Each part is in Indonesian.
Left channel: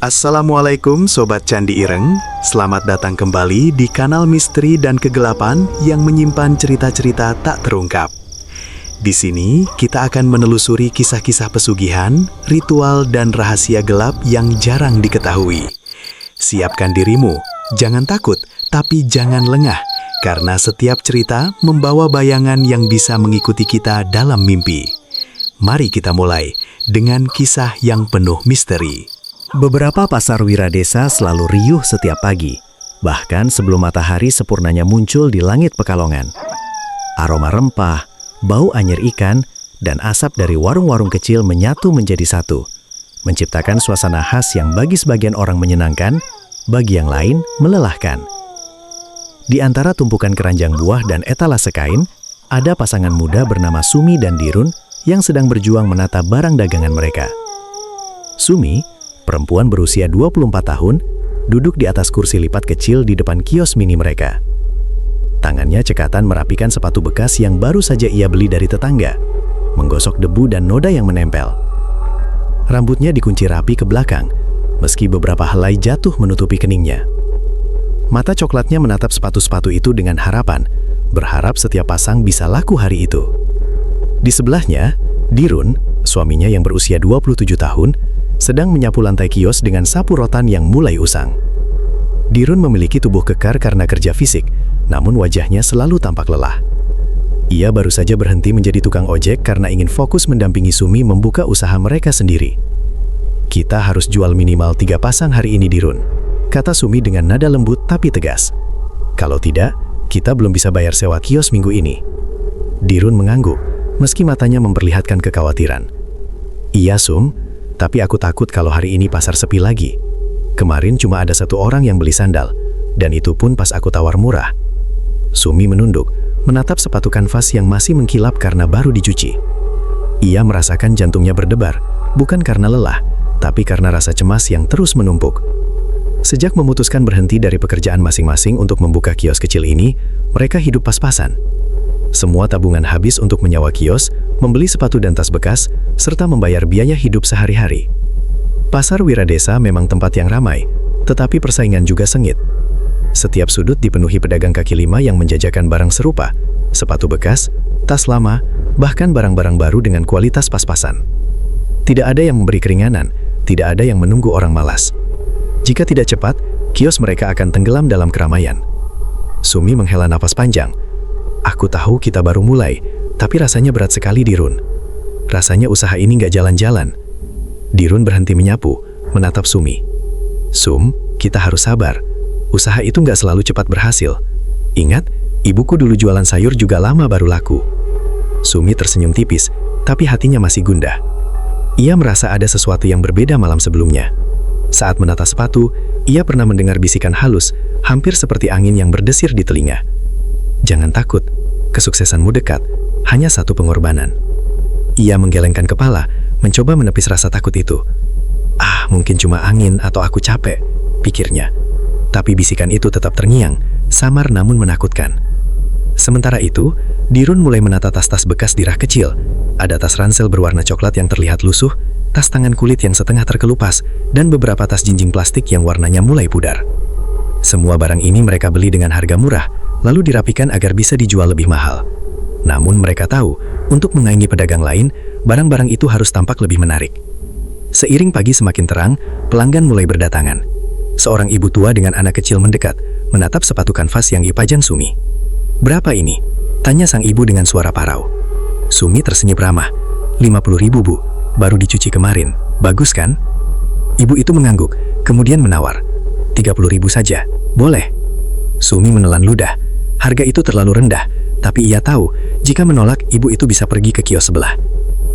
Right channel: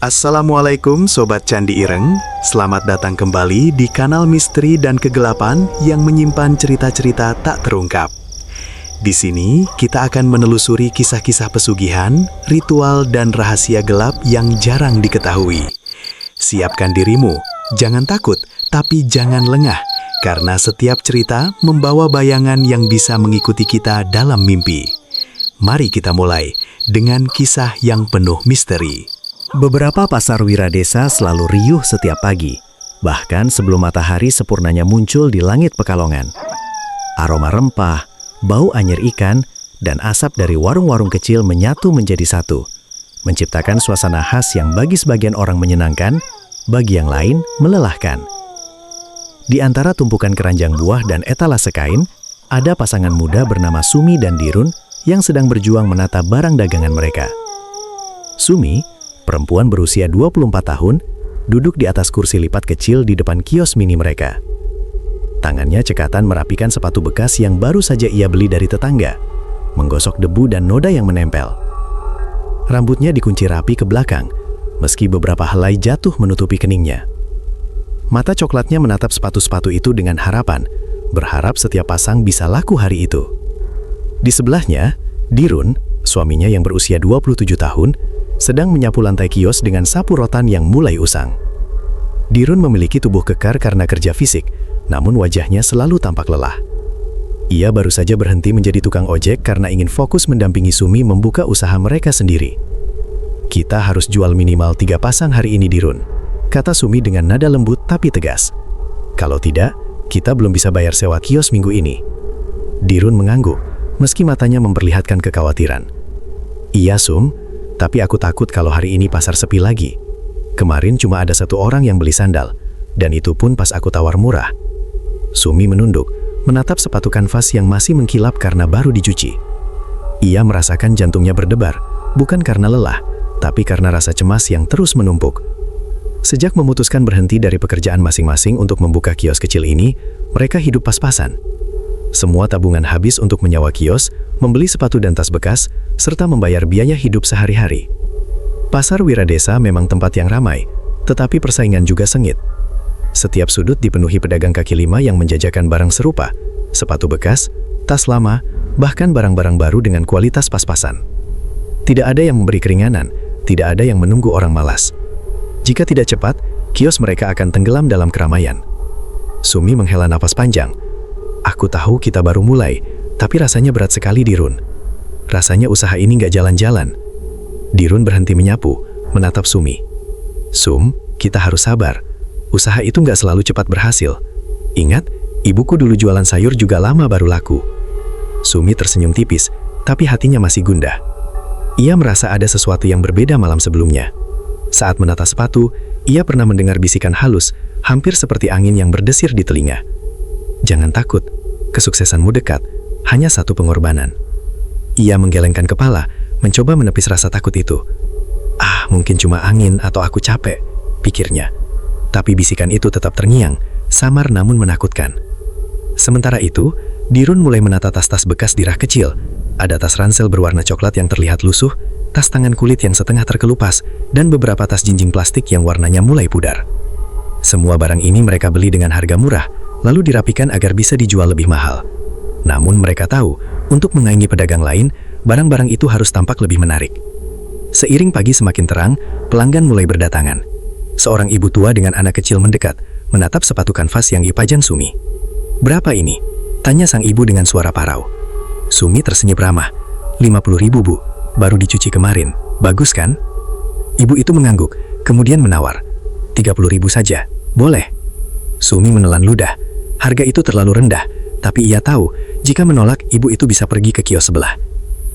Assalamualaikum Sobat Candi Ireng, selamat datang kembali di kanal Misteri dan Kegelapan yang menyimpan cerita-cerita tak terungkap. Di sini kita akan menelusuri kisah-kisah pesugihan, ritual dan rahasia gelap yang jarang diketahui. Siapkan dirimu, jangan takut, tapi jangan lengah, karena setiap cerita membawa bayangan yang bisa mengikuti kita dalam mimpi. Mari kita mulai dengan kisah yang penuh misteri. Beberapa pasar Wiradesa selalu riuh setiap pagi, bahkan sebelum matahari sempurnanya muncul di langit Pekalongan. Aroma rempah, bau anyir ikan, dan asap dari warung-warung kecil menyatu menjadi satu, menciptakan suasana khas yang bagi sebagian orang menyenangkan, bagi yang lain melelahkan. Di antara tumpukan keranjang buah dan etalase kain, ada pasangan muda bernama Sumi dan Dirun yang sedang berjuang menata barang dagangan mereka. Sumi, perempuan berusia 24 tahun, duduk di atas kursi lipat kecil di depan kios mini mereka. Tangannya cekatan merapikan sepatu bekas yang baru saja ia beli dari tetangga, menggosok debu dan noda yang menempel. Rambutnya dikunci rapi ke belakang, meski beberapa helai jatuh menutupi keningnya. Mata coklatnya menatap sepatu-sepatu itu dengan harapan, berharap setiap pasang bisa laku hari itu. Di sebelahnya, Dirun, suaminya yang berusia 27 tahun, sedang menyapu lantai kios dengan sapu rotan yang mulai usang. Dirun memiliki tubuh kekar karena kerja fisik, namun wajahnya selalu tampak lelah. Ia baru saja berhenti menjadi tukang ojek karena ingin fokus mendampingi Sumi membuka usaha mereka sendiri. "Kita harus jual minimal 3 pasang hari ini, Dirun," kata Sumi dengan nada lembut tapi tegas. "Kalau tidak, kita belum bisa bayar sewa kios minggu ini." Dirun mengangguk, meski matanya memperlihatkan kekhawatiran. "Iya, Sum, tapi aku takut kalau hari ini pasar sepi lagi. Kemarin cuma ada 1 orang yang beli sandal, dan itu pun pas aku tawar murah." Sumi menunduk, menatap sepatu kanvas yang masih mengkilap karena baru dicuci. Ia merasakan jantungnya berdebar, bukan karena lelah, tapi karena rasa cemas yang terus menumpuk. Sejak memutuskan berhenti dari pekerjaan masing-masing untuk membuka kios kecil ini, mereka hidup pas-pasan. Semua tabungan habis untuk menyewa kios, membeli sepatu dan tas bekas, serta membayar biaya hidup sehari-hari. Pasar Wiradesa memang tempat yang ramai, tetapi persaingan juga sengit. Setiap sudut dipenuhi pedagang kaki lima yang menjajakan barang serupa, sepatu bekas, tas lama, bahkan barang-barang baru dengan kualitas pas-pasan. Tidak ada yang memberi keringanan, tidak ada yang menunggu orang malas. Jika tidak cepat, kios mereka akan tenggelam dalam keramaian. Sumi menghela napas panjang. "Aku tahu kita baru mulai, tapi rasanya berat sekali, Dirun. Rasanya usaha ini nggak jalan-jalan." Dirun berhenti menyapu, menatap Sumi. "Sum, kita harus sabar. Usaha itu nggak selalu cepat berhasil. Ingat, ibuku dulu jualan sayur juga lama baru laku." Sumi tersenyum tipis, tapi hatinya masih gundah. Ia merasa ada sesuatu yang berbeda malam sebelumnya. Saat menata sepatu, ia pernah mendengar bisikan halus, hampir seperti angin yang berdesir di telinga. "Jangan takut, kesuksesanmu dekat, hanya satu pengorbanan." Ia menggelengkan kepala, mencoba menepis rasa takut itu. Mungkin cuma angin atau aku capek," pikirnya. Tapi bisikan itu tetap terngiang, samar namun menakutkan. Sementara itu, Dirun mulai menata tas-tas bekas di rak kecil. Ada tas ransel berwarna coklat yang terlihat lusuh, tas tangan kulit yang setengah terkelupas, dan beberapa tas jinjing plastik yang warnanya mulai pudar. Semua barang ini mereka beli dengan harga murah, lalu dirapikan agar bisa dijual lebih mahal. Namun mereka tahu, untuk menyaingi pedagang lain, barang-barang itu harus tampak lebih menarik. Seiring pagi semakin terang, pelanggan mulai berdatangan. Seorang ibu tua dengan anak kecil mendekat, menatap sepatu kanvas yang dipajang Sumi. "Berapa ini?" tanya sang ibu dengan suara parau. Sumi tersenyum ramah. 50.000, Bu. Baru dicuci kemarin. Bagus kan?" Ibu itu mengangguk, kemudian menawar. 30.000 saja. Boleh. Sumi menelan ludah. Harga itu terlalu rendah, tapi ia tahu, jika menolak, ibu itu bisa pergi ke kios sebelah.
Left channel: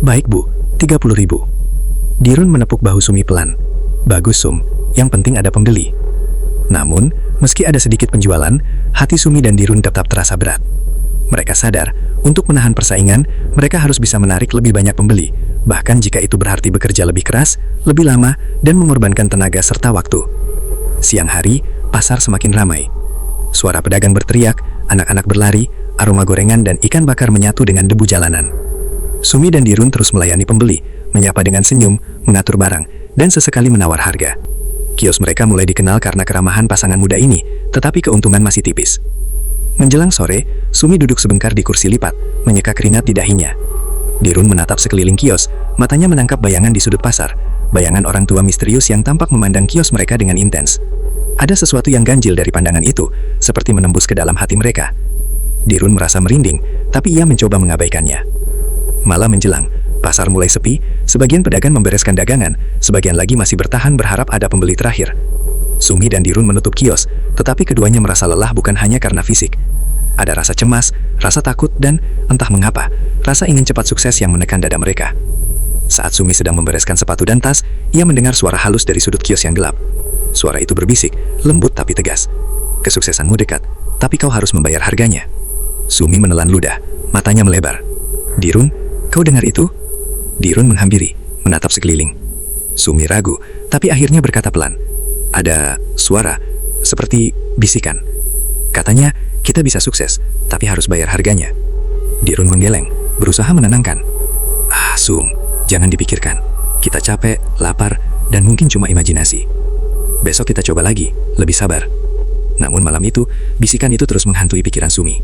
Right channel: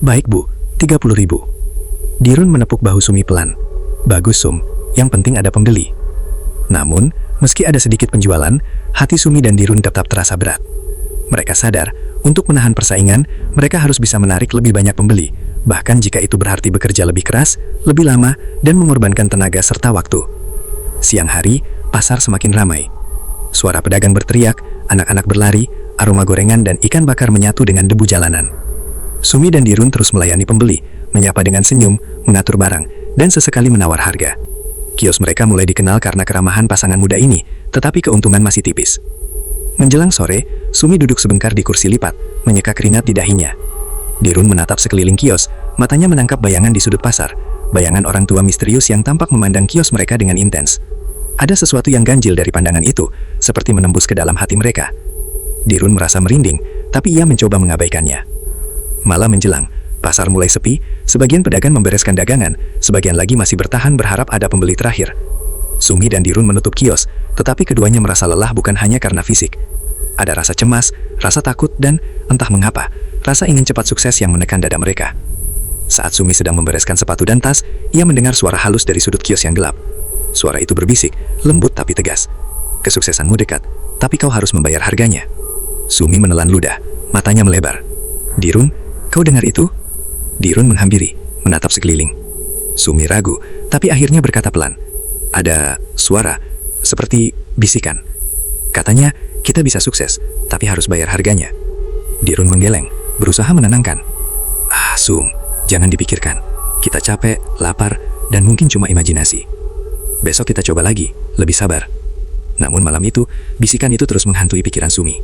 "Baik, Bu, 30.000. Dirun menepuk bahu Sumi pelan. "Bagus, Sum. Yang penting ada pembeli." Namun, meski ada sedikit penjualan, hati Sumi dan Dirun tetap terasa berat. Mereka sadar, untuk menahan persaingan, mereka harus bisa menarik lebih banyak pembeli, bahkan jika itu berarti bekerja lebih keras, lebih lama, dan mengorbankan tenaga serta waktu. Siang hari, pasar semakin ramai. Suara pedagang berteriak, anak-anak berlari, aroma gorengan dan ikan bakar menyatu dengan debu jalanan. Sumi dan Dirun terus melayani pembeli, menyapa dengan senyum, mengatur barang, dan sesekali menawar harga. Kios mereka mulai dikenal karena keramahan pasangan muda ini, tetapi keuntungan masih tipis. Menjelang sore, Sumi duduk sebentar di kursi lipat, menyeka keringat di dahinya. Dirun menatap sekeliling kios, matanya menangkap bayangan di sudut pasar, bayangan orang tua misterius yang tampak memandang kios mereka dengan intens. Ada sesuatu yang ganjil dari pandangan itu, seperti menembus ke dalam hati mereka. Dirun merasa merinding, tapi ia mencoba mengabaikannya. Malam menjelang, pasar mulai sepi, sebagian pedagang membereskan dagangan, sebagian lagi masih bertahan berharap ada pembeli terakhir. Sumi dan Dirun menutup kios, tetapi keduanya merasa lelah bukan hanya karena fisik. Ada rasa cemas, rasa takut, dan entah mengapa, rasa ingin cepat sukses yang menekan dada mereka. Saat Sumi sedang membereskan sepatu dan tas, ia mendengar suara halus dari sudut kios yang gelap. Suara itu berbisik, lembut tapi tegas. Kesuksesanmu dekat, tapi kau harus membayar harganya. Sumi menelan ludah, matanya melebar. Dirun, kau dengar itu? Dirun menghampiri, menatap sekeliling. Sumi ragu, tapi akhirnya berkata pelan. Ada suara, seperti bisikan. Katanya, kita bisa sukses, tapi harus bayar harganya. Dirun menggeleng, berusaha menenangkan. Sum, jangan dipikirkan. Kita capek, lapar, dan mungkin cuma imajinasi. Besok kita coba lagi, lebih sabar. Namun malam itu, bisikan itu terus menghantui pikiran Sumi.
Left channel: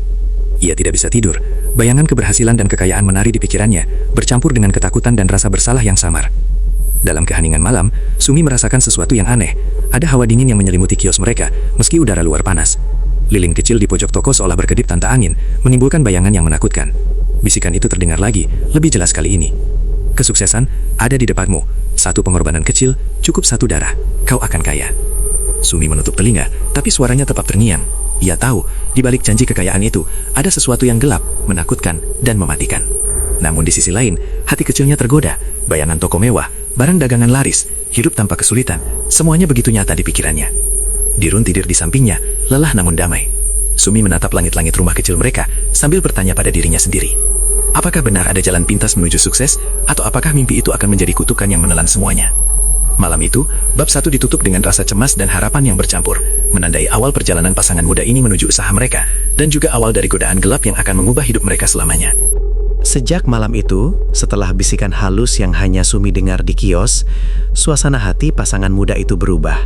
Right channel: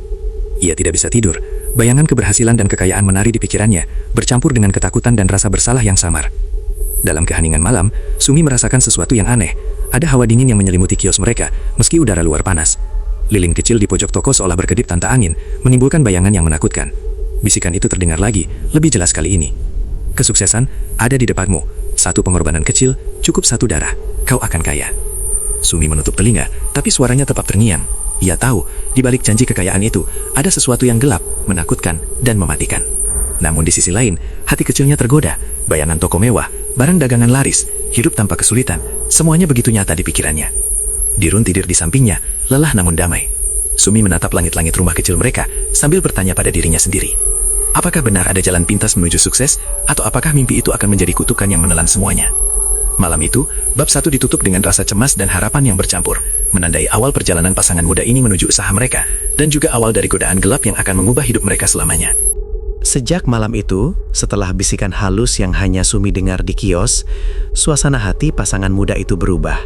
Ia tidak bisa tidur, bayangan keberhasilan dan kekayaan menari di pikirannya, bercampur dengan ketakutan dan rasa bersalah yang samar. Dalam keheningan malam, Sumi merasakan sesuatu yang aneh. Ada hawa dingin yang menyelimuti kios mereka, meski udara luar panas. Lilin kecil di pojok toko seolah berkedip tanpa angin, menimbulkan bayangan yang menakutkan. Bisikan itu terdengar lagi, lebih jelas kali ini. Kesuksesan ada di depanmu. Satu pengorbanan kecil, cukup satu darah. Kau akan kaya. Sumi menutup telinga, tapi suaranya tetap terngiang. Ia tahu, di balik janji kekayaan itu, ada sesuatu yang gelap, menakutkan, dan mematikan. Namun di sisi lain, hati kecilnya tergoda. Bayangan toko mewah, barang dagangan laris, hidup tanpa kesulitan, semuanya begitu nyata di pikirannya. Dirun tidur di sampingnya, lelah namun damai. Sumi menatap langit-langit rumah kecil mereka, sambil bertanya pada dirinya sendiri. Apakah benar ada jalan pintas menuju sukses, atau apakah mimpi itu akan menjadi kutukan yang menelan semuanya? Malam itu, bab 1 ditutup dengan rasa cemas dan harapan yang bercampur, menandai awal perjalanan pasangan muda ini menuju usaha mereka, dan juga awal dari godaan gelap yang akan mengubah hidup mereka selamanya. Sejak malam itu, setelah bisikan halus yang hanya Sumi dengar di kios, suasana hati pasangan muda itu berubah.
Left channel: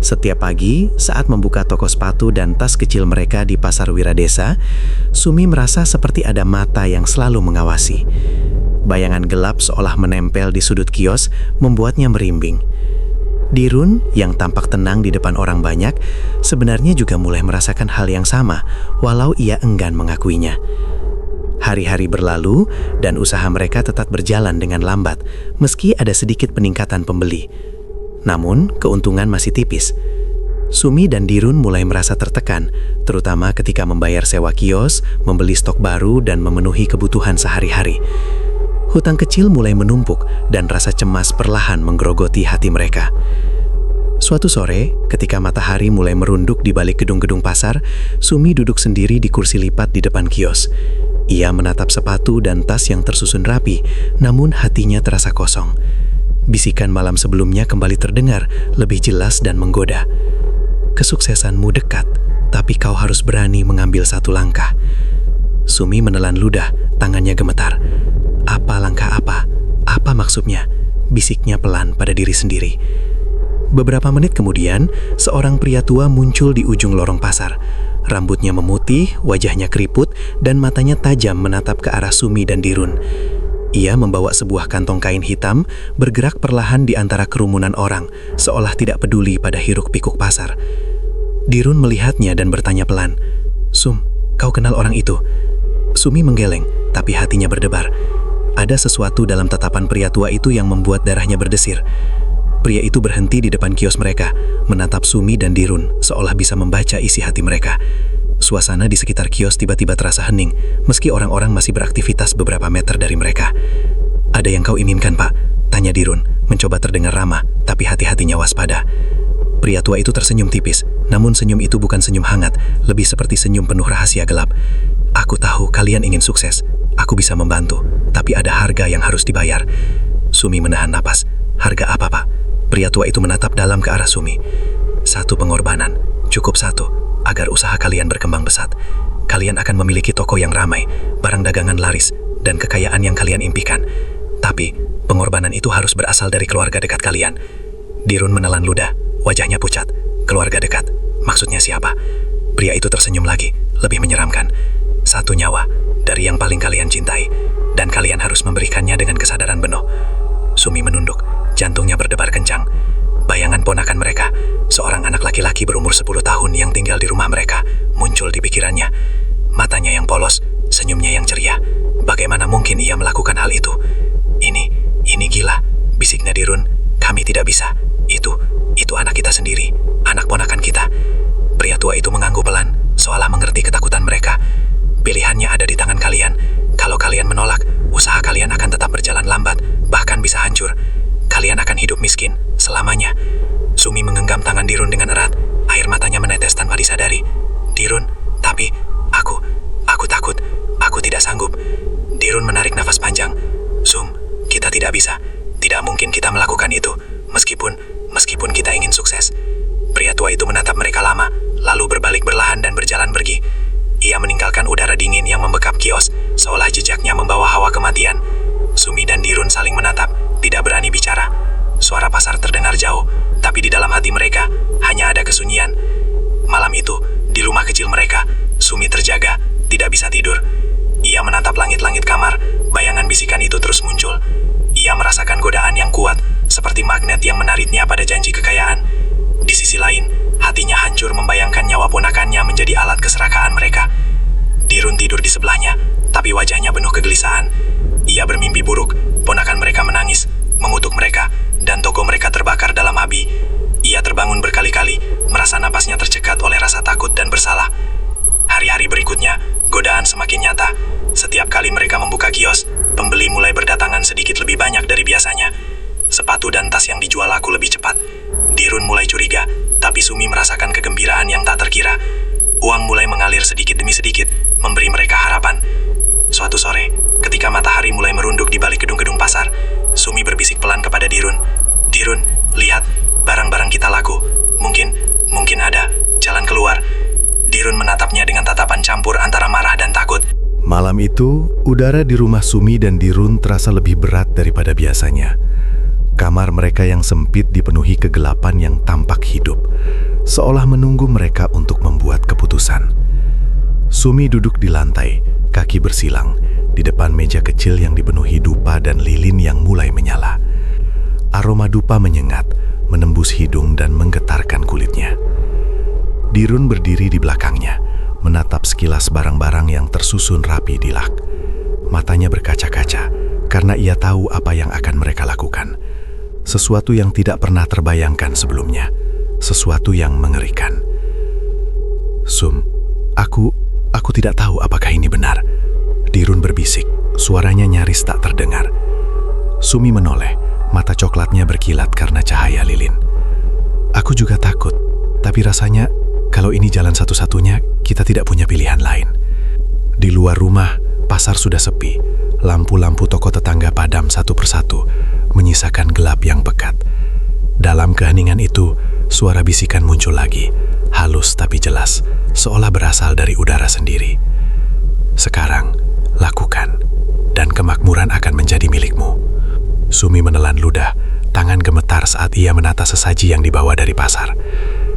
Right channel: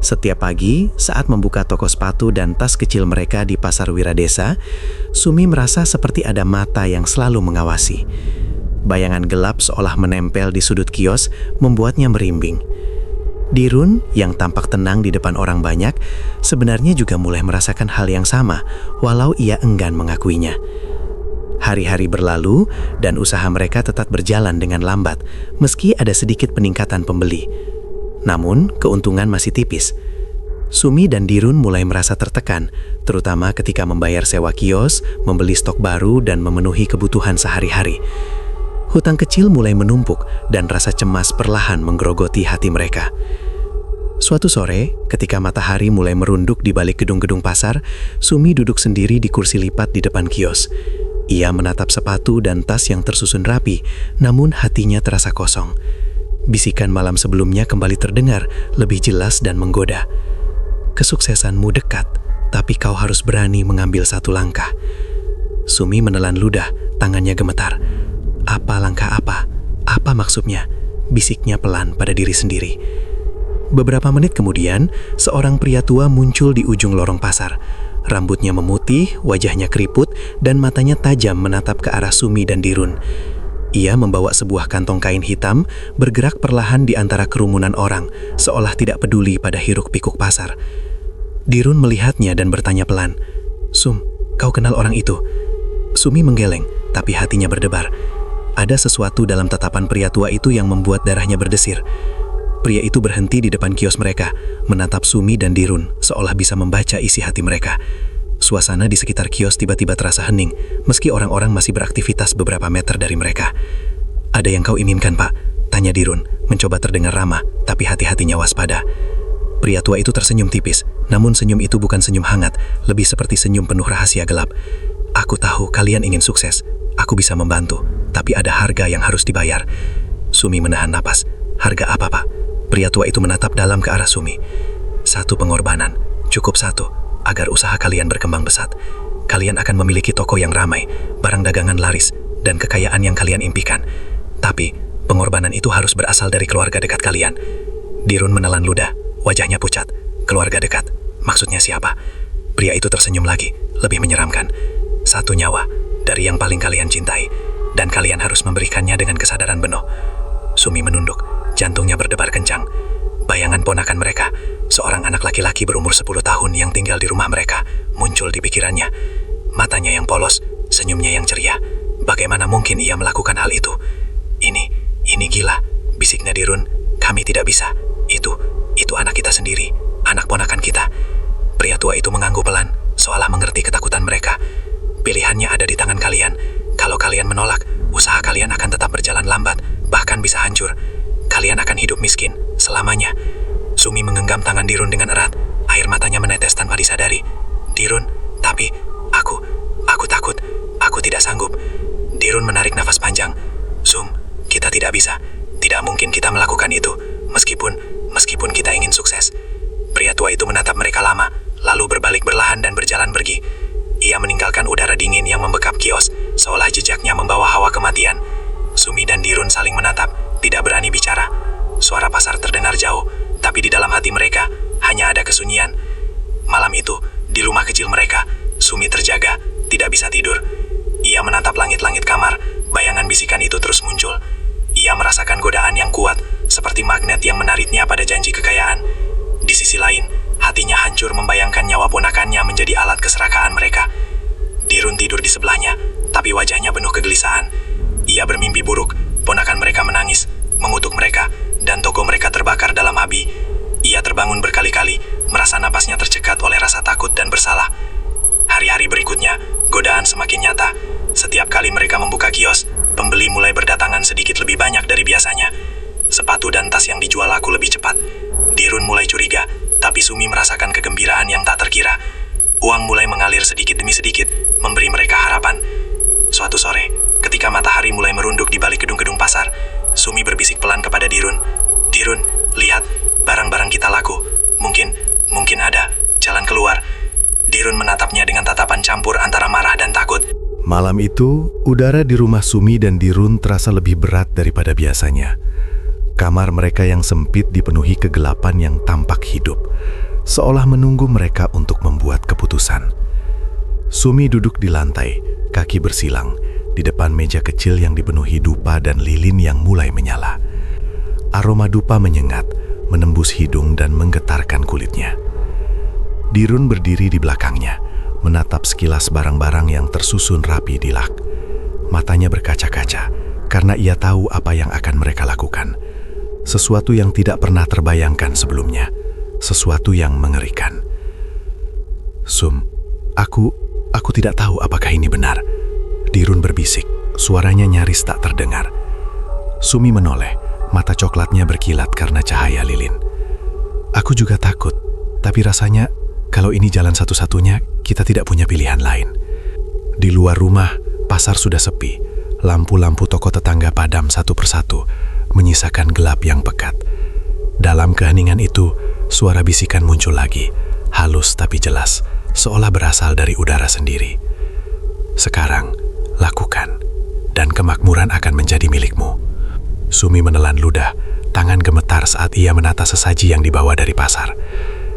Setiap pagi, saat membuka toko sepatu dan tas kecil mereka di Pasar Wiradesa, Sumi merasa seperti ada mata yang selalu mengawasi. Bayangan gelap seolah menempel di sudut kios membuatnya merimbing. Dirun, yang tampak tenang di depan orang banyak, sebenarnya juga mulai merasakan hal yang sama, walau ia enggan mengakuinya. Hari-hari berlalu, dan usaha mereka tetap berjalan dengan lambat, meski ada sedikit peningkatan pembeli. Namun, keuntungan masih tipis. Sumi dan Dirun mulai merasa tertekan, terutama ketika membayar sewa kios, membeli stok baru, dan memenuhi kebutuhan sehari-hari. Hutang kecil mulai menumpuk, dan rasa cemas perlahan menggerogoti hati mereka. Suatu sore, ketika matahari mulai merunduk di balik gedung-gedung pasar, Sumi duduk sendiri di kursi lipat di depan kios. Ia menatap sepatu dan tas yang tersusun rapi, namun hatinya terasa kosong. Bisikan malam sebelumnya kembali terdengar, lebih jelas dan menggoda. Kesuksesanmu dekat, tapi kau harus berani mengambil satu langkah. Sumi menelan ludah, tangannya gemetar. Apa langkah apa? Apa maksudnya? Bisiknya pelan pada diri sendiri. Beberapa menit kemudian, seorang pria tua muncul di ujung lorong pasar. Rambutnya memutih, wajahnya keriput, dan matanya tajam menatap ke arah Sumi dan Dirun. Ia membawa sebuah kantong kain hitam, bergerak perlahan di antara kerumunan orang, seolah tidak peduli pada hiruk-pikuk pasar. Dirun melihatnya dan bertanya pelan, "Sum, kau kenal orang itu?" Sumi menggeleng, tapi hatinya berdebar. Ada sesuatu dalam tatapan pria tua itu yang membuat darahnya berdesir. Pria itu berhenti di depan kios mereka, menatap Sumi dan Dirun, seolah bisa membaca isi hati mereka. Suasana di sekitar kios tiba-tiba terasa hening, meski orang-orang masih beraktivitas beberapa meter dari mereka. "Ada yang kau inginkan, Pak?" tanya Dirun, mencoba terdengar ramah, tapi hati-hatinya waspada. Pria tua itu tersenyum tipis, namun senyum itu bukan senyum hangat, lebih seperti senyum penuh rahasia gelap. "Aku tahu kalian ingin sukses. Aku bisa membantu, tapi ada harga yang harus dibayar." Sumi menahan napas. "Harga apa, Pak?" Pria tua itu menatap dalam ke arah Sumi. "Satu pengorbanan, cukup satu, agar usaha kalian berkembang pesat. Kalian akan memiliki toko yang ramai, barang dagangan laris, dan kekayaan yang kalian impikan. Tapi, pengorbanan itu harus berasal dari keluarga dekat kalian." Dirun menelan ludah, Wajahnya pucat. Keluarga dekat. Maksudnya siapa? Pria itu tersenyum lagi, lebih menyeramkan. 1 nyawa dari yang paling kalian cintai, dan kalian harus memberikannya dengan kesadaran penuh. Sumi menunduk, jantungnya berdebar kencang. Bayangan ponakan mereka, seorang anak laki-laki berumur 10 tahun yang tinggal di rumah mereka, muncul di pikirannya. Matanya yang polos, senyumnya yang ceria. Bagaimana mungkin ia melakukan hal itu? Ini gila, bisiknya Dirun. Kami tidak bisa. Itu anak kita sendiri, anak ponakan kita. Pria tua itu mengangguk pelan, seolah mengerti ketakutan mereka. Pilihannya ada di tangan kalian. Kalau kalian menolak, usaha kalian akan tetap berjalan lambat, bahkan bisa hancur. Kalian akan hidup miskin, selamanya. Sumi menggenggam tangan Dirun dengan erat, air matanya menetes tanpa disadari. Dirun, tapi aku takut, aku tidak sanggup. Dirun menarik nafas panjang. Sum, kita tidak bisa. Tidak mungkin kita melakukan itu, meskipun kita ingin sukses. Pria tua itu menatap mereka lama, lalu berbalik berlahan dan berjalan pergi. Ia meninggalkan udara dingin yang membekap kios, seolah jejaknya membawa hawa kematian. Sumi dan Dirun saling menatap, tidak berani bicara. Suara pasar terdengar jauh, tapi di dalam hati mereka hanya ada kesunyian. Malam itu, di rumah kecil mereka, Sumi terjaga, tidak bisa tidur. Ia menatap langit-langit kamar, bayangan bisikan itu terus muncul. Ia merasakan godaan yang kuat, seperti magnet yang menariknya pada janji kekayaan. Di sisi lain, hatinya hancur membayangkan nyawa ponakannya menjadi alat keserakahan mereka. Dirun tidur di sebelahnya, tapi wajahnya penuh kegelisahan. Ia bermimpi buruk, ponakan mereka menangis, mengutuk mereka, dan toko mereka terbakar dalam api. Ia terbangun berkali-kali, merasa napasnya tercekat oleh rasa takut dan bersalah. Hari-hari berikutnya, godaan semakin nyata. Setiap kali mereka membuka kios, pembeli mulai berdatangan sedikit lebih banyak dari biasanya. Sepatu dan tas yang dijual laku lebih cepat. Dirun mulai curiga, tapi Sumi merasakan kegembiraan yang tak terkira. Uang mulai mengalir sedikit demi sedikit, memberi mereka harapan. Suatu sore, ketika matahari mulai merunduk di balik gedung-gedung pasar, Sumi berbisik pelan kepada Dirun. Dirun, lihat, barang-barang kita laku. Mungkin ada jalan keluar. Dirun menatapnya dengan tatapan campur antara marah dan takut. Malam itu, udara di rumah Sumi dan Dirun terasa lebih berat daripada biasanya. Kamar mereka yang sempit dipenuhi kegelapan yang tampak hidup, seolah menunggu mereka untuk membuat keputusan. Sumi duduk di lantai, kaki bersilang, di depan meja kecil yang dipenuhi dupa dan lilin yang mulai menyala. Aroma dupa menyengat, menembus hidung dan menggetarkan kulitnya. Dirun berdiri di belakangnya, menatap sekilas barang-barang yang tersusun rapi di rak. Matanya berkaca-kaca, karena ia tahu apa yang akan mereka lakukan. Sesuatu yang tidak pernah terbayangkan sebelumnya, sesuatu yang mengerikan. Sum, aku tidak tahu apakah ini benar. Dirun berbisik, suaranya nyaris tak terdengar. Sumi menoleh, mata coklatnya berkilat karena cahaya lilin. Aku juga takut, tapi rasanya kalau ini jalan satu-satunya, kita tidak punya pilihan lain. Di luar rumah, pasar sudah sepi. Lampu-lampu toko tetangga padam satu persatu, menyisakan gelap yang pekat. Dalam keheningan itu, suara bisikan muncul lagi, halus tapi jelas, seolah berasal dari udara sendiri. Sekarang, lakukan, dan kemakmuran akan menjadi milikmu. Sumi menelan ludah, tangan gemetar saat ia menata sesaji yang dibawa dari pasar.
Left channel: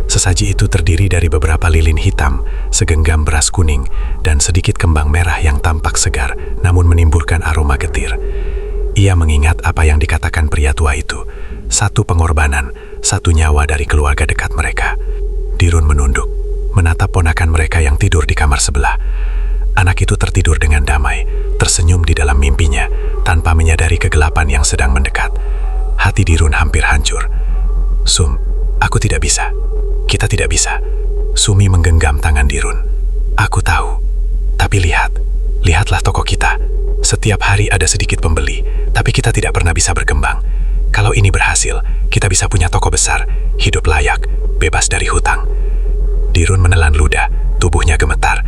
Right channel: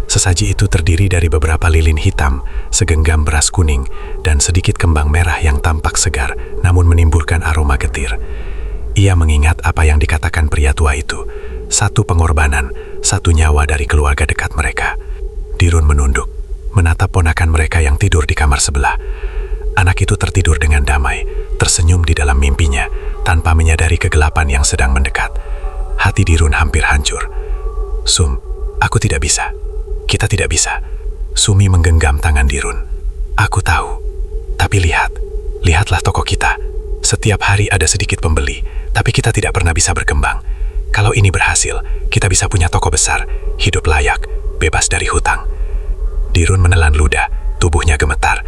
Sesaji itu terdiri dari beberapa lilin hitam, segenggam beras kuning, dan sedikit kembang merah yang tampak segar, namun menimbulkan aroma getir. Ia mengingat apa yang dikatakan pria tua itu, satu pengorbanan, satu nyawa dari keluarga dekat mereka. Dirun menunduk, menatap ponakan mereka yang tidur di kamar sebelah. Anak itu tertidur dengan damai, tersenyum di dalam mimpinya, tanpa menyadari kegelapan yang sedang mendekat. Hati Dirun hampir hancur. Sum, aku tidak bisa. Kita tidak bisa. Sumi menggenggam tangan Dirun. Aku tahu. Tapi lihatlah toko kita. Setiap hari ada sedikit pembeli, tapi kita tidak pernah bisa berkembang. Kalau ini berhasil, kita bisa punya toko besar, hidup layak, bebas dari hutang. Dirun menelan ludah, tubuhnya gemetar.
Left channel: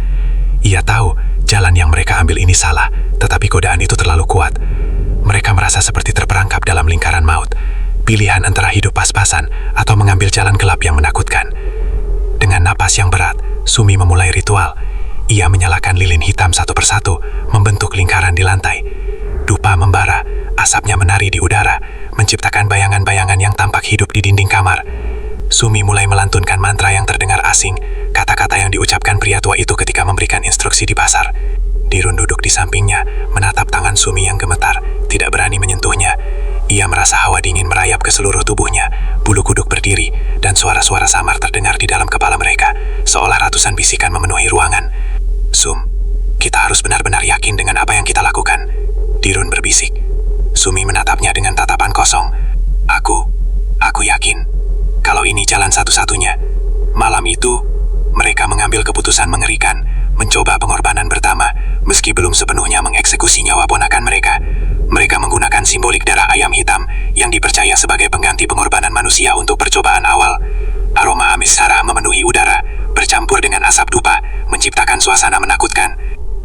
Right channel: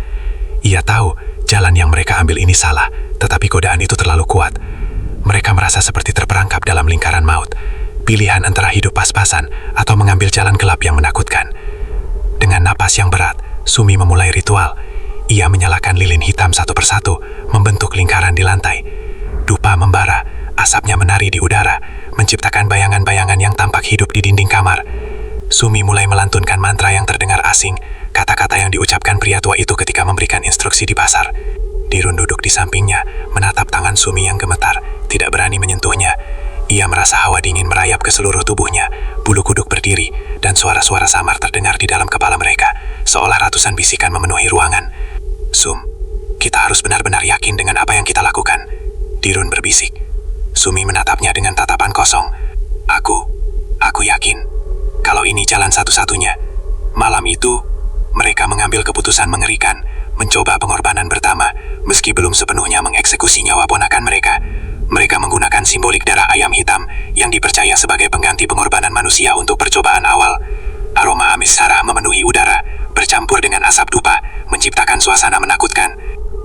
Ia tahu jalan yang mereka ambil ini salah, tetapi godaan itu terlalu kuat. Mereka merasa seperti terperangkap dalam lingkaran maut. Pilihan antara hidup pas-pasan atau mengambil jalan gelap yang menakutkan. Dengan napas yang berat, Sumi memulai ritual. Ia menyalakan lilin hitam satu persatu, membentuk lingkaran di lantai. Dupa membara, asapnya menari di udara, menciptakan bayangan-bayangan yang tampak hidup di dinding kamar. Sumi mulai melantunkan mantra yang terdengar asing, kata-kata yang diucapkan pria tua itu ketika memberikan instruksi di pasar. Dirun duduk di sampingnya, menatap tangan Sumi yang gemetar, tidak berani menyentuhnya. Ia merasa hawa dingin merayap ke seluruh tubuhnya, bulu kuduk berdiri, dan suara-suara samar terdengar di dalam kepala mereka, seolah ratusan bisikan memenuhi ruangan. Sum, kita harus benar-benar yakin dengan apa yang kita lakukan. Dirun berbisik. Sumi menatapnya dengan tatapan kosong. Aku yakin. Kalau ini jalan satu-satunya. Malam itu, mereka mengambil keputusan mengerikan, mencoba pengorbanan pertama, meski belum sepenuhnya mengeksekusi nyawa ponakan mereka. Mereka menggunakan simbolik darah ayam hitam yang dipercaya sebagai pengganti pengorbanan manusia untuk percobaan awal. Aroma amis sarah memenuhi udara, bercampur dengan asap dupa, menciptakan suasana menakutkan.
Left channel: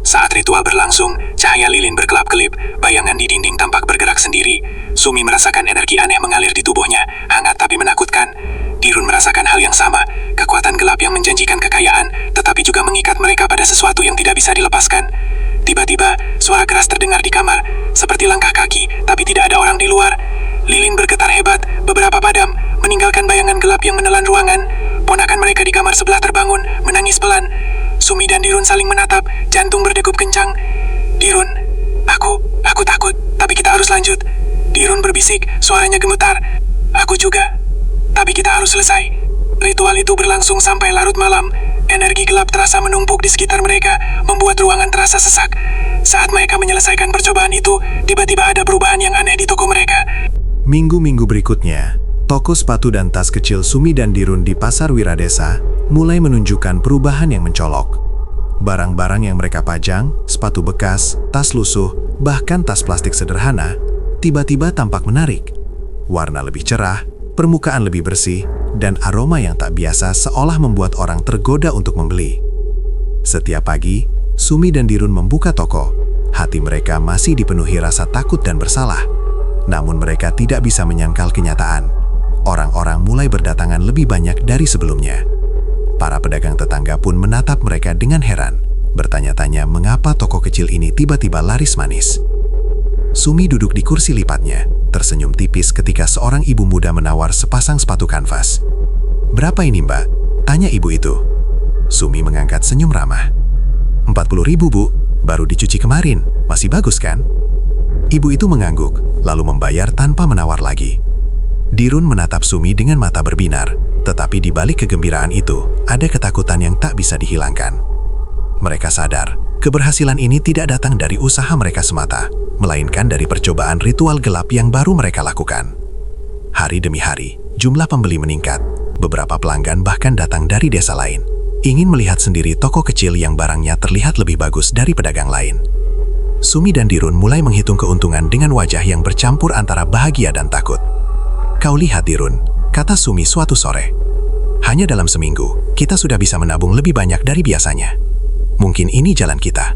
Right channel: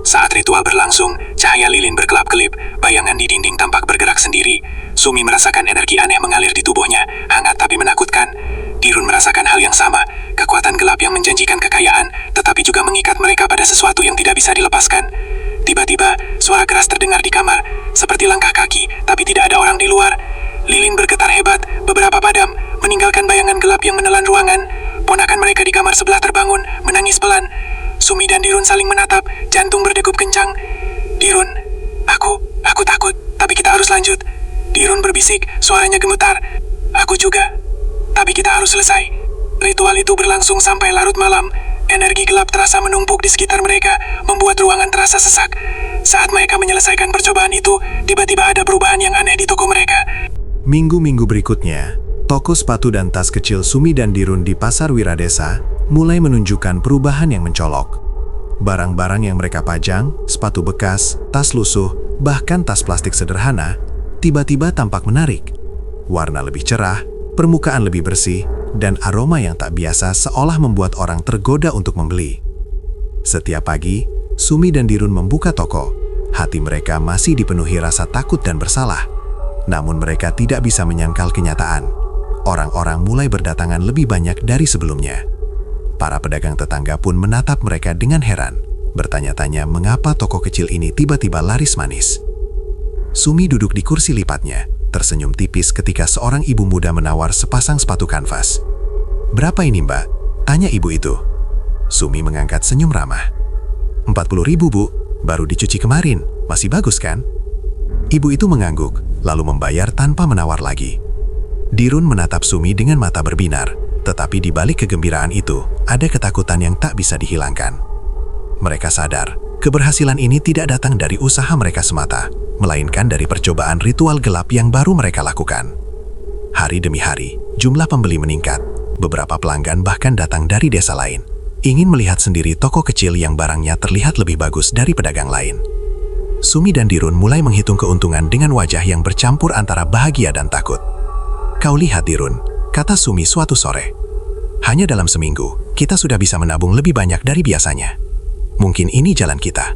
Saat ritual berlangsung, cahaya lilin berkelap-kelip, bayangan di dinding tampak bergerak sendiri. Sumi merasakan energi aneh mengalir di tubuhnya, hangat tapi menakutkan. Dirun merasakan hal yang sama, kekuatan gelap yang menjanjikan kekayaan, tetapi juga mengikat mereka pada sesuatu yang tidak bisa dilepaskan. Tiba-tiba, suara keras terdengar di kamar, seperti langkah kaki, tapi tidak ada orang di luar. Lilin bergetar hebat, beberapa padam, meninggalkan bayangan gelap yang menelan ruangan. Ponakan mereka di kamar sebelah terbangun, menangis pelan. Sumi dan Dirun saling menatap, jantung berdegup kencang. Dirun, aku takut, tapi kita harus lanjut. Dirun berbisik, suaranya gemetar. Aku juga, tapi kita harus selesai. Ritual itu berlangsung sampai larut malam. Energi gelap terasa menumpuk di sekitar mereka, membuat ruangan terasa sesak. Saat mereka menyelesaikan percobaan itu, tiba-tiba ada perubahan yang aneh di toko mereka. Minggu-minggu berikutnya, toko sepatu dan tas kecil Sumi dan Dirun di Pasar Wiradesa mulai menunjukkan perubahan yang mencolok. Barang-barang yang mereka pajang, sepatu bekas, tas lusuh, bahkan tas plastik sederhana, tiba-tiba tampak menarik. Warna lebih cerah, permukaan lebih bersih, dan aroma yang tak biasa seolah membuat orang tergoda untuk membeli. Setiap pagi, Sumi dan Dirun membuka toko. Hati mereka masih dipenuhi rasa takut dan bersalah. Namun mereka tidak bisa menyangkal kenyataan. Orang-orang mulai berdatangan lebih banyak dari sebelumnya. Para pedagang tetangga pun menatap mereka dengan heran, bertanya-tanya mengapa toko kecil ini tiba-tiba laris manis. Sumi duduk di kursi lipatnya, tersenyum tipis ketika seorang ibu muda menawar sepasang sepatu kanvas. "Berapa ini, Mbak?" tanya ibu itu. Sumi mengangkat senyum ramah. 40.000, Bu. Baru dicuci kemarin. Masih bagus kan? Ibu itu mengangguk, lalu membayar tanpa menawar lagi. Dirun menatap Sumi dengan mata berbinar, tetapi di balik kegembiraan itu, ada ketakutan yang tak bisa dihilangkan. Mereka sadar, keberhasilan ini tidak datang dari usaha mereka semata, melainkan dari percobaan ritual gelap yang baru mereka lakukan. Hari demi hari, jumlah pembeli meningkat. Beberapa pelanggan bahkan datang dari desa lain, ingin melihat sendiri toko kecil yang barangnya terlihat lebih bagus dari pedagang lain. Sumi dan Dirun mulai menghitung keuntungan dengan wajah yang bercampur antara bahagia dan takut. "Kau lihat, Dirun," kata Sumi suatu sore. "Hanya dalam seminggu, kita sudah bisa menabung lebih banyak dari biasanya. Mungkin ini jalan kita."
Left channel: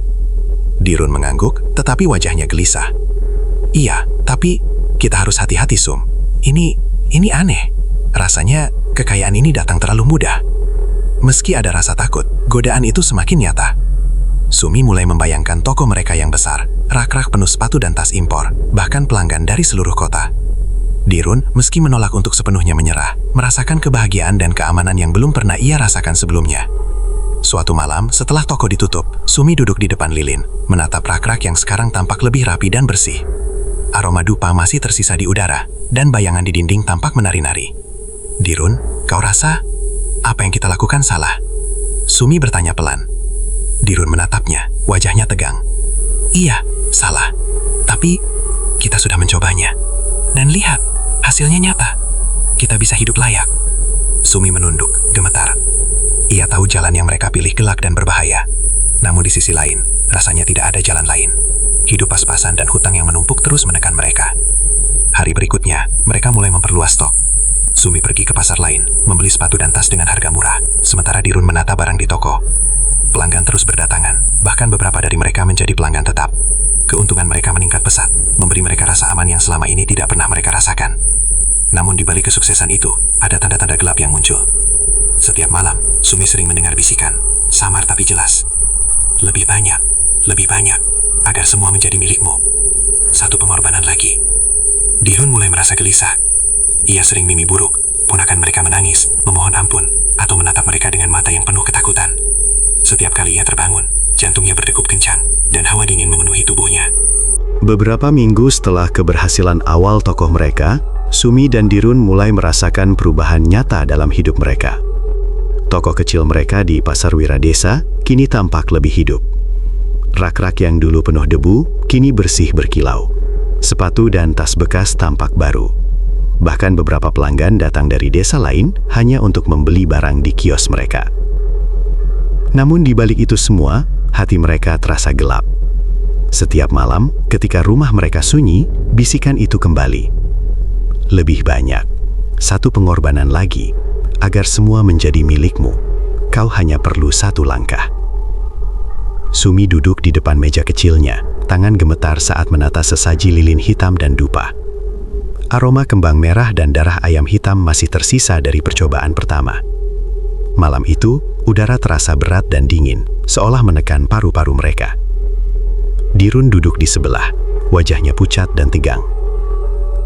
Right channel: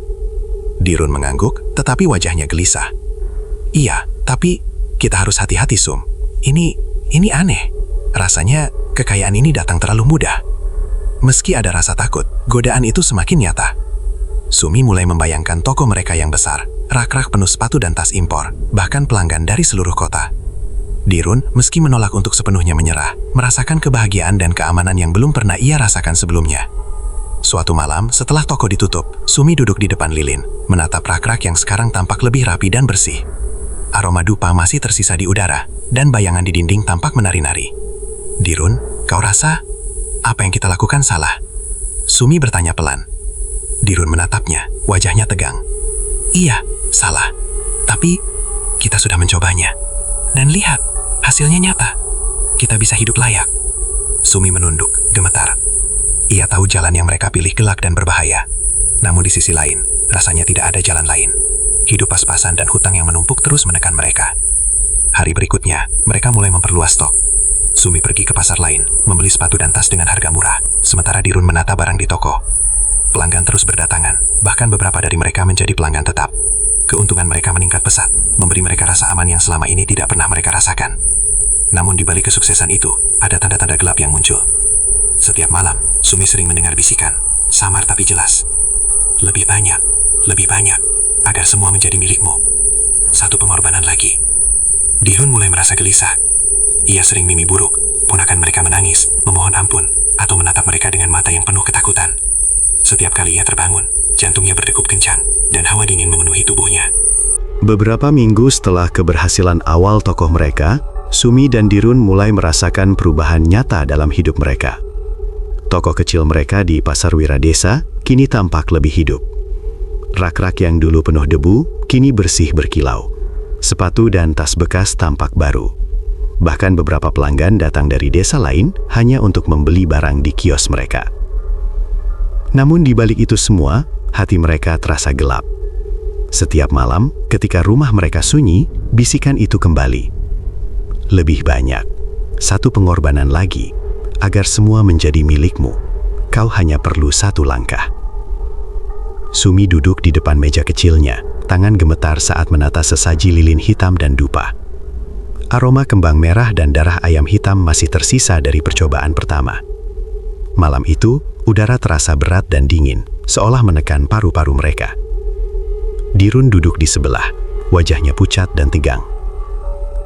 Dirun mengangguk, tetapi wajahnya gelisah. "Iya, tapi kita harus hati-hati, Sum. Ini aneh. Rasanya kekayaan ini datang terlalu mudah." Meski ada rasa takut, godaan itu semakin nyata. Sumi mulai membayangkan toko mereka yang besar, rak-rak penuh sepatu dan tas impor, bahkan pelanggan dari seluruh kota. Dirun, meski menolak untuk sepenuhnya menyerah, merasakan kebahagiaan dan keamanan yang belum pernah ia rasakan sebelumnya. Suatu malam, setelah toko ditutup, Sumi duduk di depan lilin, menatap rak-rak yang sekarang tampak lebih rapi dan bersih. Aroma dupa masih tersisa di udara, dan bayangan di dinding tampak menari-nari. "Dirun, kau rasa apa yang kita lakukan salah?" Sumi bertanya pelan. Dirun menatapnya, wajahnya tegang. "Iya, salah. Tapi kita sudah mencobanya. Dan lihat, hasilnya nyata. Kita bisa hidup layak." Sumi menunduk, gemetar. Ia tahu jalan yang mereka pilih gelap dan berbahaya. Namun di sisi lain, rasanya tidak ada jalan lain. Hidup pas-pasan dan hutang yang menumpuk terus menekan mereka. Hari berikutnya, mereka mulai memperluas stok. Sumi pergi ke pasar lain, membeli sepatu dan tas dengan harga murah, sementara Dirun menata barang di toko. Pelanggan terus berdatangan, bahkan beberapa dari mereka menjadi pelanggan tetap. Keuntungan mereka meningkat pesat, memberi mereka rasa aman yang selama ini tidak pernah mereka rasakan. Namun di balik kesuksesan itu, ada tanda-tanda gelap yang muncul. Setiap malam, Sumi sering mendengar bisikan, samar tapi jelas. Lebih banyak, agar semua menjadi milikmu. Satu pengorbanan lagi." Dirun mulai merasa gelisah. Ia sering mimpi buruk, ponakan mereka menangis. menangis, memohon ampun, atau menatap mereka dengan mata yang penuh ketakutan. Setiap kali ia terbangun, jantungnya berdegup kencang, dan hawa dingin memenuhi tubuhnya. Beberapa minggu setelah keberhasilan awal tokoh mereka, Sumi dan Dirun mulai merasakan perubahan nyata dalam hidup mereka. Tokoh kecil mereka di Pasar Wiradesa kini tampak lebih hidup. Rak-rak yang dulu penuh debu, kini bersih berkilau. Sepatu dan tas bekas tampak baru. Bahkan beberapa pelanggan datang dari desa lain hanya untuk membeli barang di kios mereka. Namun di balik itu semua, hati mereka terasa gelap. Setiap malam, ketika rumah mereka sunyi, bisikan itu kembali. Lebih banyak, satu pengorbanan lagi, agar semua menjadi milikmu. Kau hanya perlu satu langkah. Sumi duduk di depan meja kecilnya, tangan gemetar saat menata sesaji lilin hitam dan dupa. Aroma kembang merah dan darah ayam hitam masih tersisa dari percobaan pertama. Malam itu, udara terasa berat dan dingin, seolah menekan paru-paru mereka. Dirun duduk di sebelah, wajahnya pucat dan tegang.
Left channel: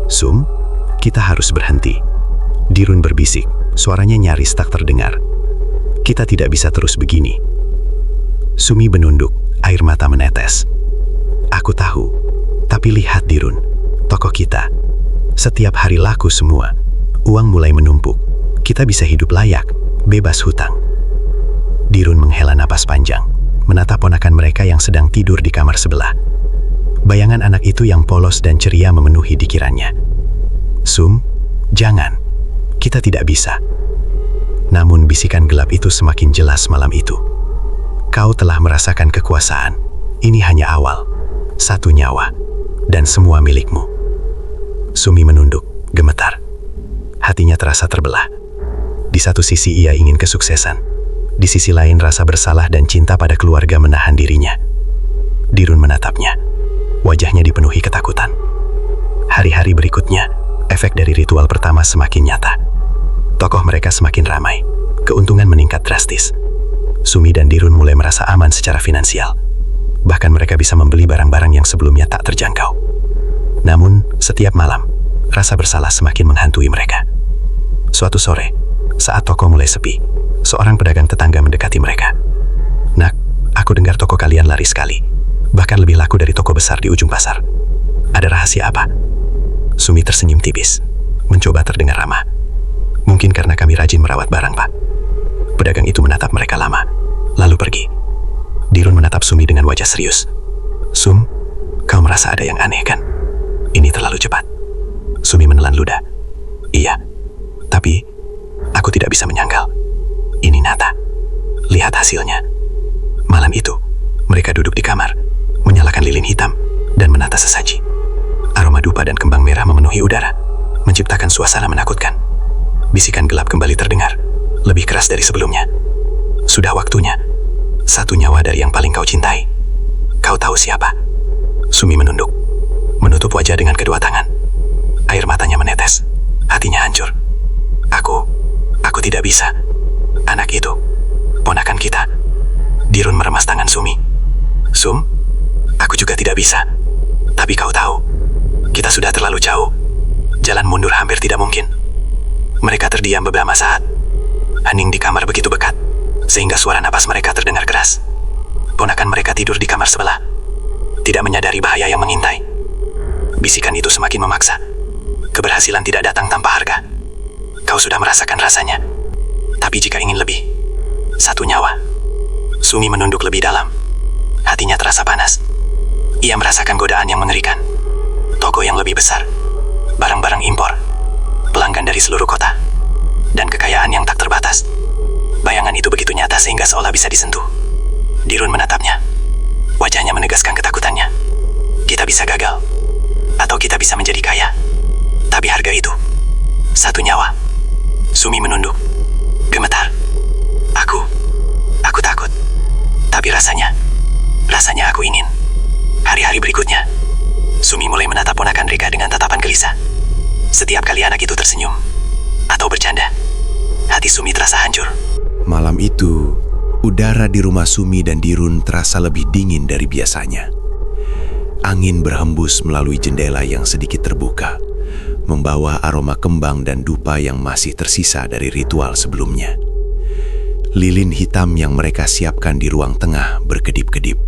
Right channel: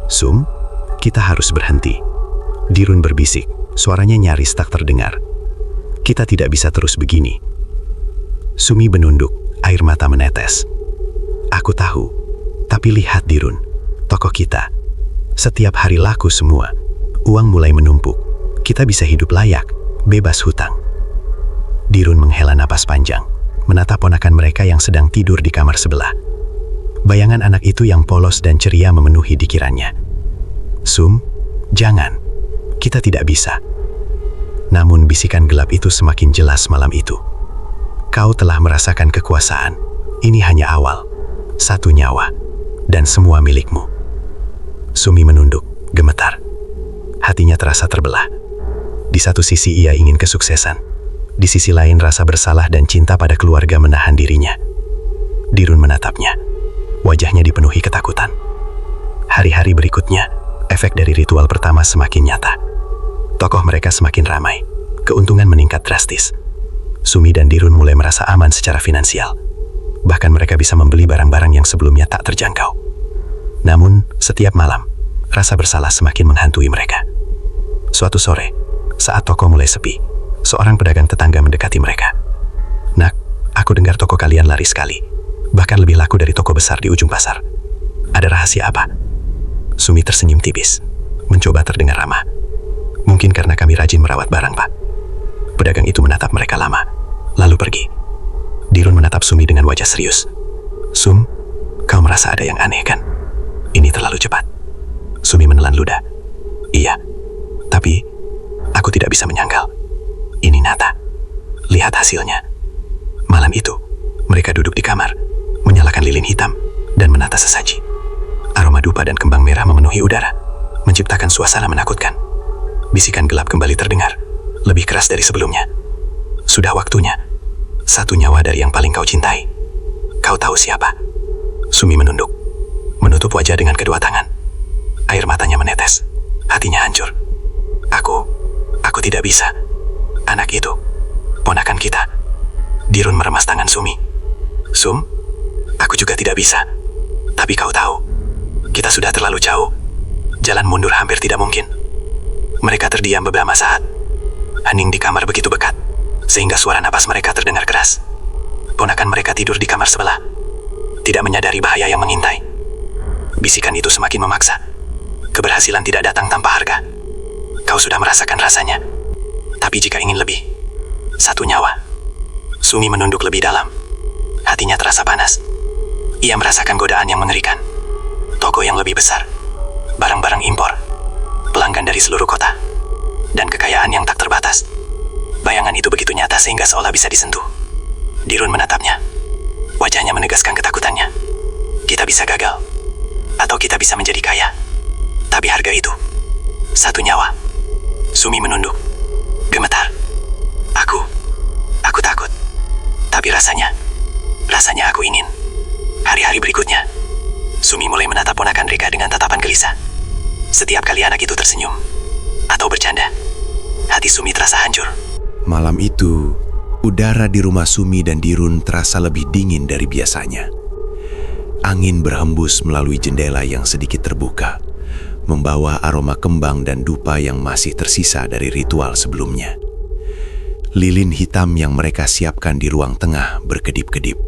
"Sum, kita harus berhenti." Dirun berbisik, suaranya nyaris tak terdengar. "Kita tidak bisa terus begini." Sumi menunduk, air mata menetes. "Aku tahu, tapi lihat Dirun, tokoh kita. Setiap hari laku semua, uang mulai menumpuk. Kita bisa hidup layak, bebas hutang." Dirun menghela napas panjang, menatap ponakan mereka yang sedang tidur di kamar sebelah. Bayangan anak itu yang polos dan ceria memenuhi pikirannya. "Sum, jangan. Kita tidak bisa." Namun bisikan gelap itu semakin jelas malam itu. "Kau telah merasakan kekuasaan. Ini hanya awal. Satu nyawa, dan semua milikmu." Sumi menunduk, gemetar. Hatinya terasa terbelah. Di satu sisi ia ingin kesuksesan. Di sisi lain rasa bersalah dan cinta pada keluarga menahan dirinya. Dirun menatapnya. Wajahnya dipenuhi ketakutan. Hari-hari berikutnya, efek dari ritual pertama semakin nyata. Tokoh mereka semakin ramai. Keuntungan meningkat drastis. Sumi dan Dirun mulai merasa aman secara finansial. Bahkan mereka bisa membeli barang-barang yang sebelumnya tak terjangkau. Namun, setiap malam, rasa bersalah semakin menghantui mereka. Suatu sore, saat toko mulai sepi, seorang pedagang tetangga mendekati mereka. "Nak, aku dengar toko kalian laris sekali. Bahkan lebih laku dari toko besar di ujung pasar. Ada rahasia apa?" Sumi tersenyum tipis, mencoba terdengar ramah. "Mungkin karena kami rajin merawat barang, Pak." Pedagang itu menatap mereka lama, lalu pergi. Dirun menatap Sumi dengan wajah serius. "Sum, kau merasa ada yang aneh kan? Ini terlalu cepat." Sumi menelan ludah. "Iya, tapi aku tidak bisa menyangkal. Ini nyata. Lihat hasilnya." Malam itu, mereka duduk di kamar, menyalakan lilin hitam, dan menata sesaji. Aroma dupa dan kembang merah memenuhi udara, menciptakan suasana menakutkan. Bisikan gelap kembali terdengar, lebih keras dari sebelumnya. "Sudah waktunya. Satu nyawa dari yang paling kau cintai. Kau tahu siapa?" Sumi menunduk, menutup wajah dengan kedua tangan. Air matanya menetes, hatinya hancur. Aku tidak bisa. Anak itu, ponakan kita." Dirun meremas tangan Sumi. "Sum, aku juga tidak bisa. Tapi kau tahu, kita sudah terlalu jauh. Jalan mundur hampir tidak mungkin." Mereka terdiam beberapa saat. Hening di kamar begitu pekat, sehingga suara napas mereka terdengar keras. Ponakan mereka tidur di kamar sebelah, tidak menyadari bahaya yang mengintai. Bisikan itu semakin memaksa. Keberhasilan tidak datang tanpa harga. Kau sudah merasakan rasanya. Tapi jika ingin lebih, satu nyawa. Sumi menunduk lebih dalam. Hatinya terasa panas. Ia merasakan godaan yang mengerikan. Toko yang lebih besar, barang-barang impor, pelanggan dari seluruh kota, dan kekayaan yang tak terbatas. Bayangan itu begitu nyata sehingga seolah bisa disentuh. Dirun menatapnya. Wajahnya menegaskan ketakutannya. Kita bisa gagal, atau kita bisa menjadi kaya. Tapi harga itu, satu nyawa. Sumi menunduk, gemetar. Aku takut. Tapi rasanya aku ingin. Hari-hari berikutnya, Sumi mulai menatap ponakan Rika dengan tatapan gelisah. Setiap kali anak itu tersenyum atau bercanda, hati Sumi terasa hancur. Malam itu, udara di rumah Sumi dan Dirun terasa lebih dingin dari biasanya. Angin berhembus melalui jendela yang sedikit terbuka, membawa aroma kembang dan dupa yang masih tersisa dari ritual sebelumnya. Lilin hitam yang mereka siapkan di ruang tengah berkedip-kedip,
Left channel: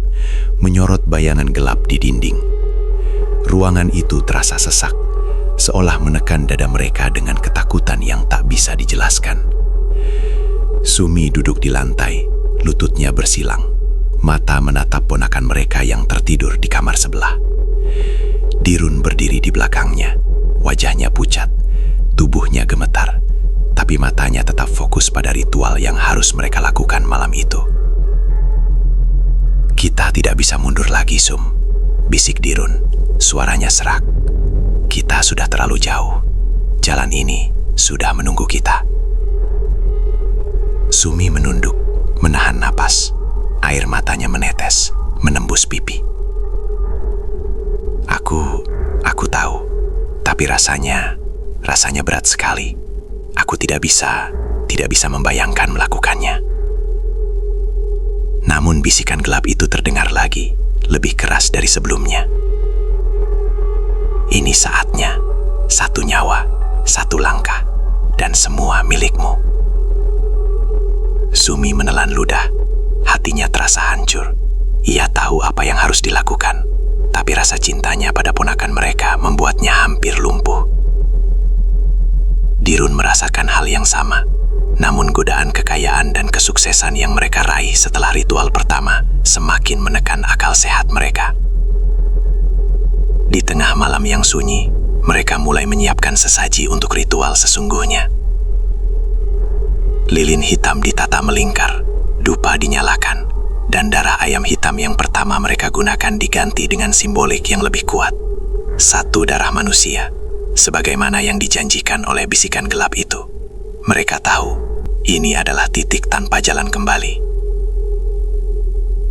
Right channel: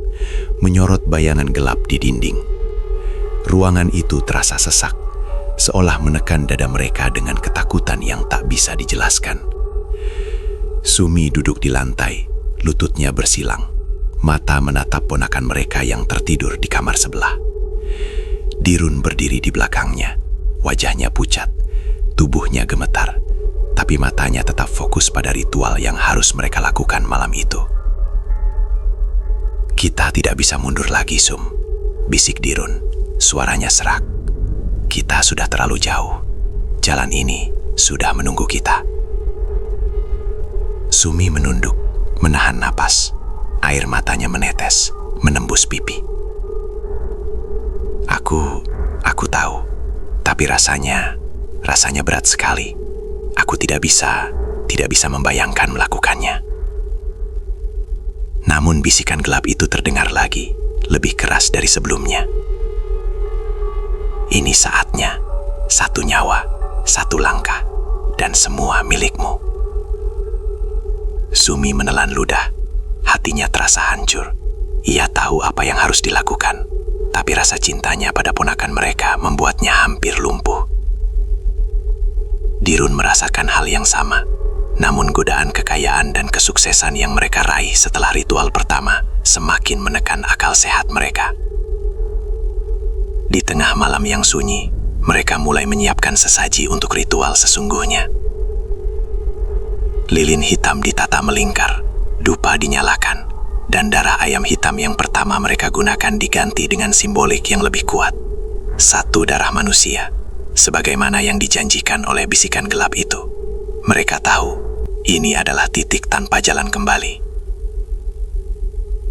menyorot bayangan gelap di dinding. Ruangan itu terasa sesak, seolah menekan dada mereka dengan ketakutan yang tak bisa dijelaskan. Sumi duduk di lantai, lututnya bersilang, mata menatap ponakan mereka yang tertidur di kamar sebelah. Dirun berdiri di belakangnya, wajahnya pucat, tubuhnya gemetar, tapi matanya tetap fokus pada ritual yang harus mereka lakukan malam itu. "Kita tidak bisa mundur lagi, Sum," bisik Dirun, suaranya serak. "Kita sudah terlalu jauh. Jalan ini sudah menunggu kita." Sumi menunduk, menahan napas. Air matanya menetes, menembus pipi. Aku tahu, tapi rasanya berat sekali. Aku tidak bisa membayangkan melakukannya. Namun bisikan gelap itu terdengar lagi, lebih keras dari sebelumnya. "Ini saatnya, satu nyawa, satu langkah, dan semua milikmu." Sumi menelan ludah, hatinya terasa hancur. Ia tahu apa yang harus dilakukan, tapi rasa cintanya pada ponakan mereka membuatnya hampir lumpuh. Dirun merasakan hal yang sama, namun godaan kekayaan dan kesuksesan yang mereka raih setelah ritual pertama semakin menekan akal sehat mereka. Di tengah malam yang sunyi, mereka mulai menyiapkan sesaji untuk ritual sesungguhnya. Lilin hitam ditata melingkar, dupa dinyalakan, dan darah ayam hitam yang pertama mereka gunakan diganti dengan simbolik yang lebih kuat. Satu darah manusia, sebagaimana yang dijanjikan oleh bisikan gelap itu. Mereka tahu, ini adalah titik tanpa jalan kembali.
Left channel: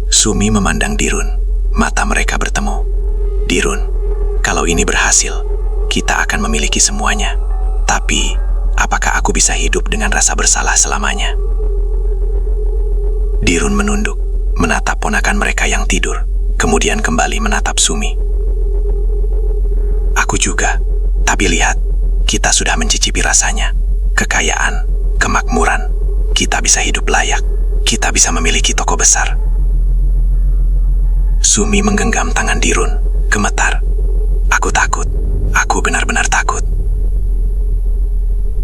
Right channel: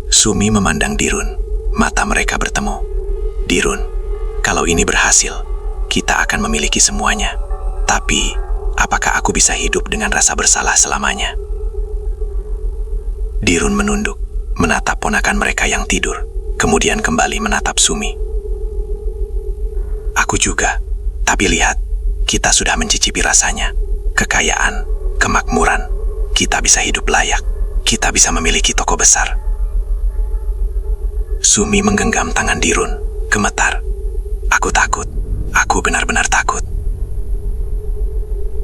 Sumi memandang Dirun, mata mereka bertemu. "Dirun, kalau ini berhasil, kita akan memiliki semuanya. Tapi, apakah aku bisa hidup dengan rasa bersalah selamanya?" Dirun menunduk, menatap ponakan mereka yang tidur, kemudian kembali menatap Sumi. "Aku juga, tapi lihat, kita sudah mencicipi rasanya. Kekayaan, kemakmuran, kita bisa hidup layak, kita bisa memiliki toko besar." Sumi menggenggam tangan Dirun, gemetar. "Aku takut, aku benar-benar takut."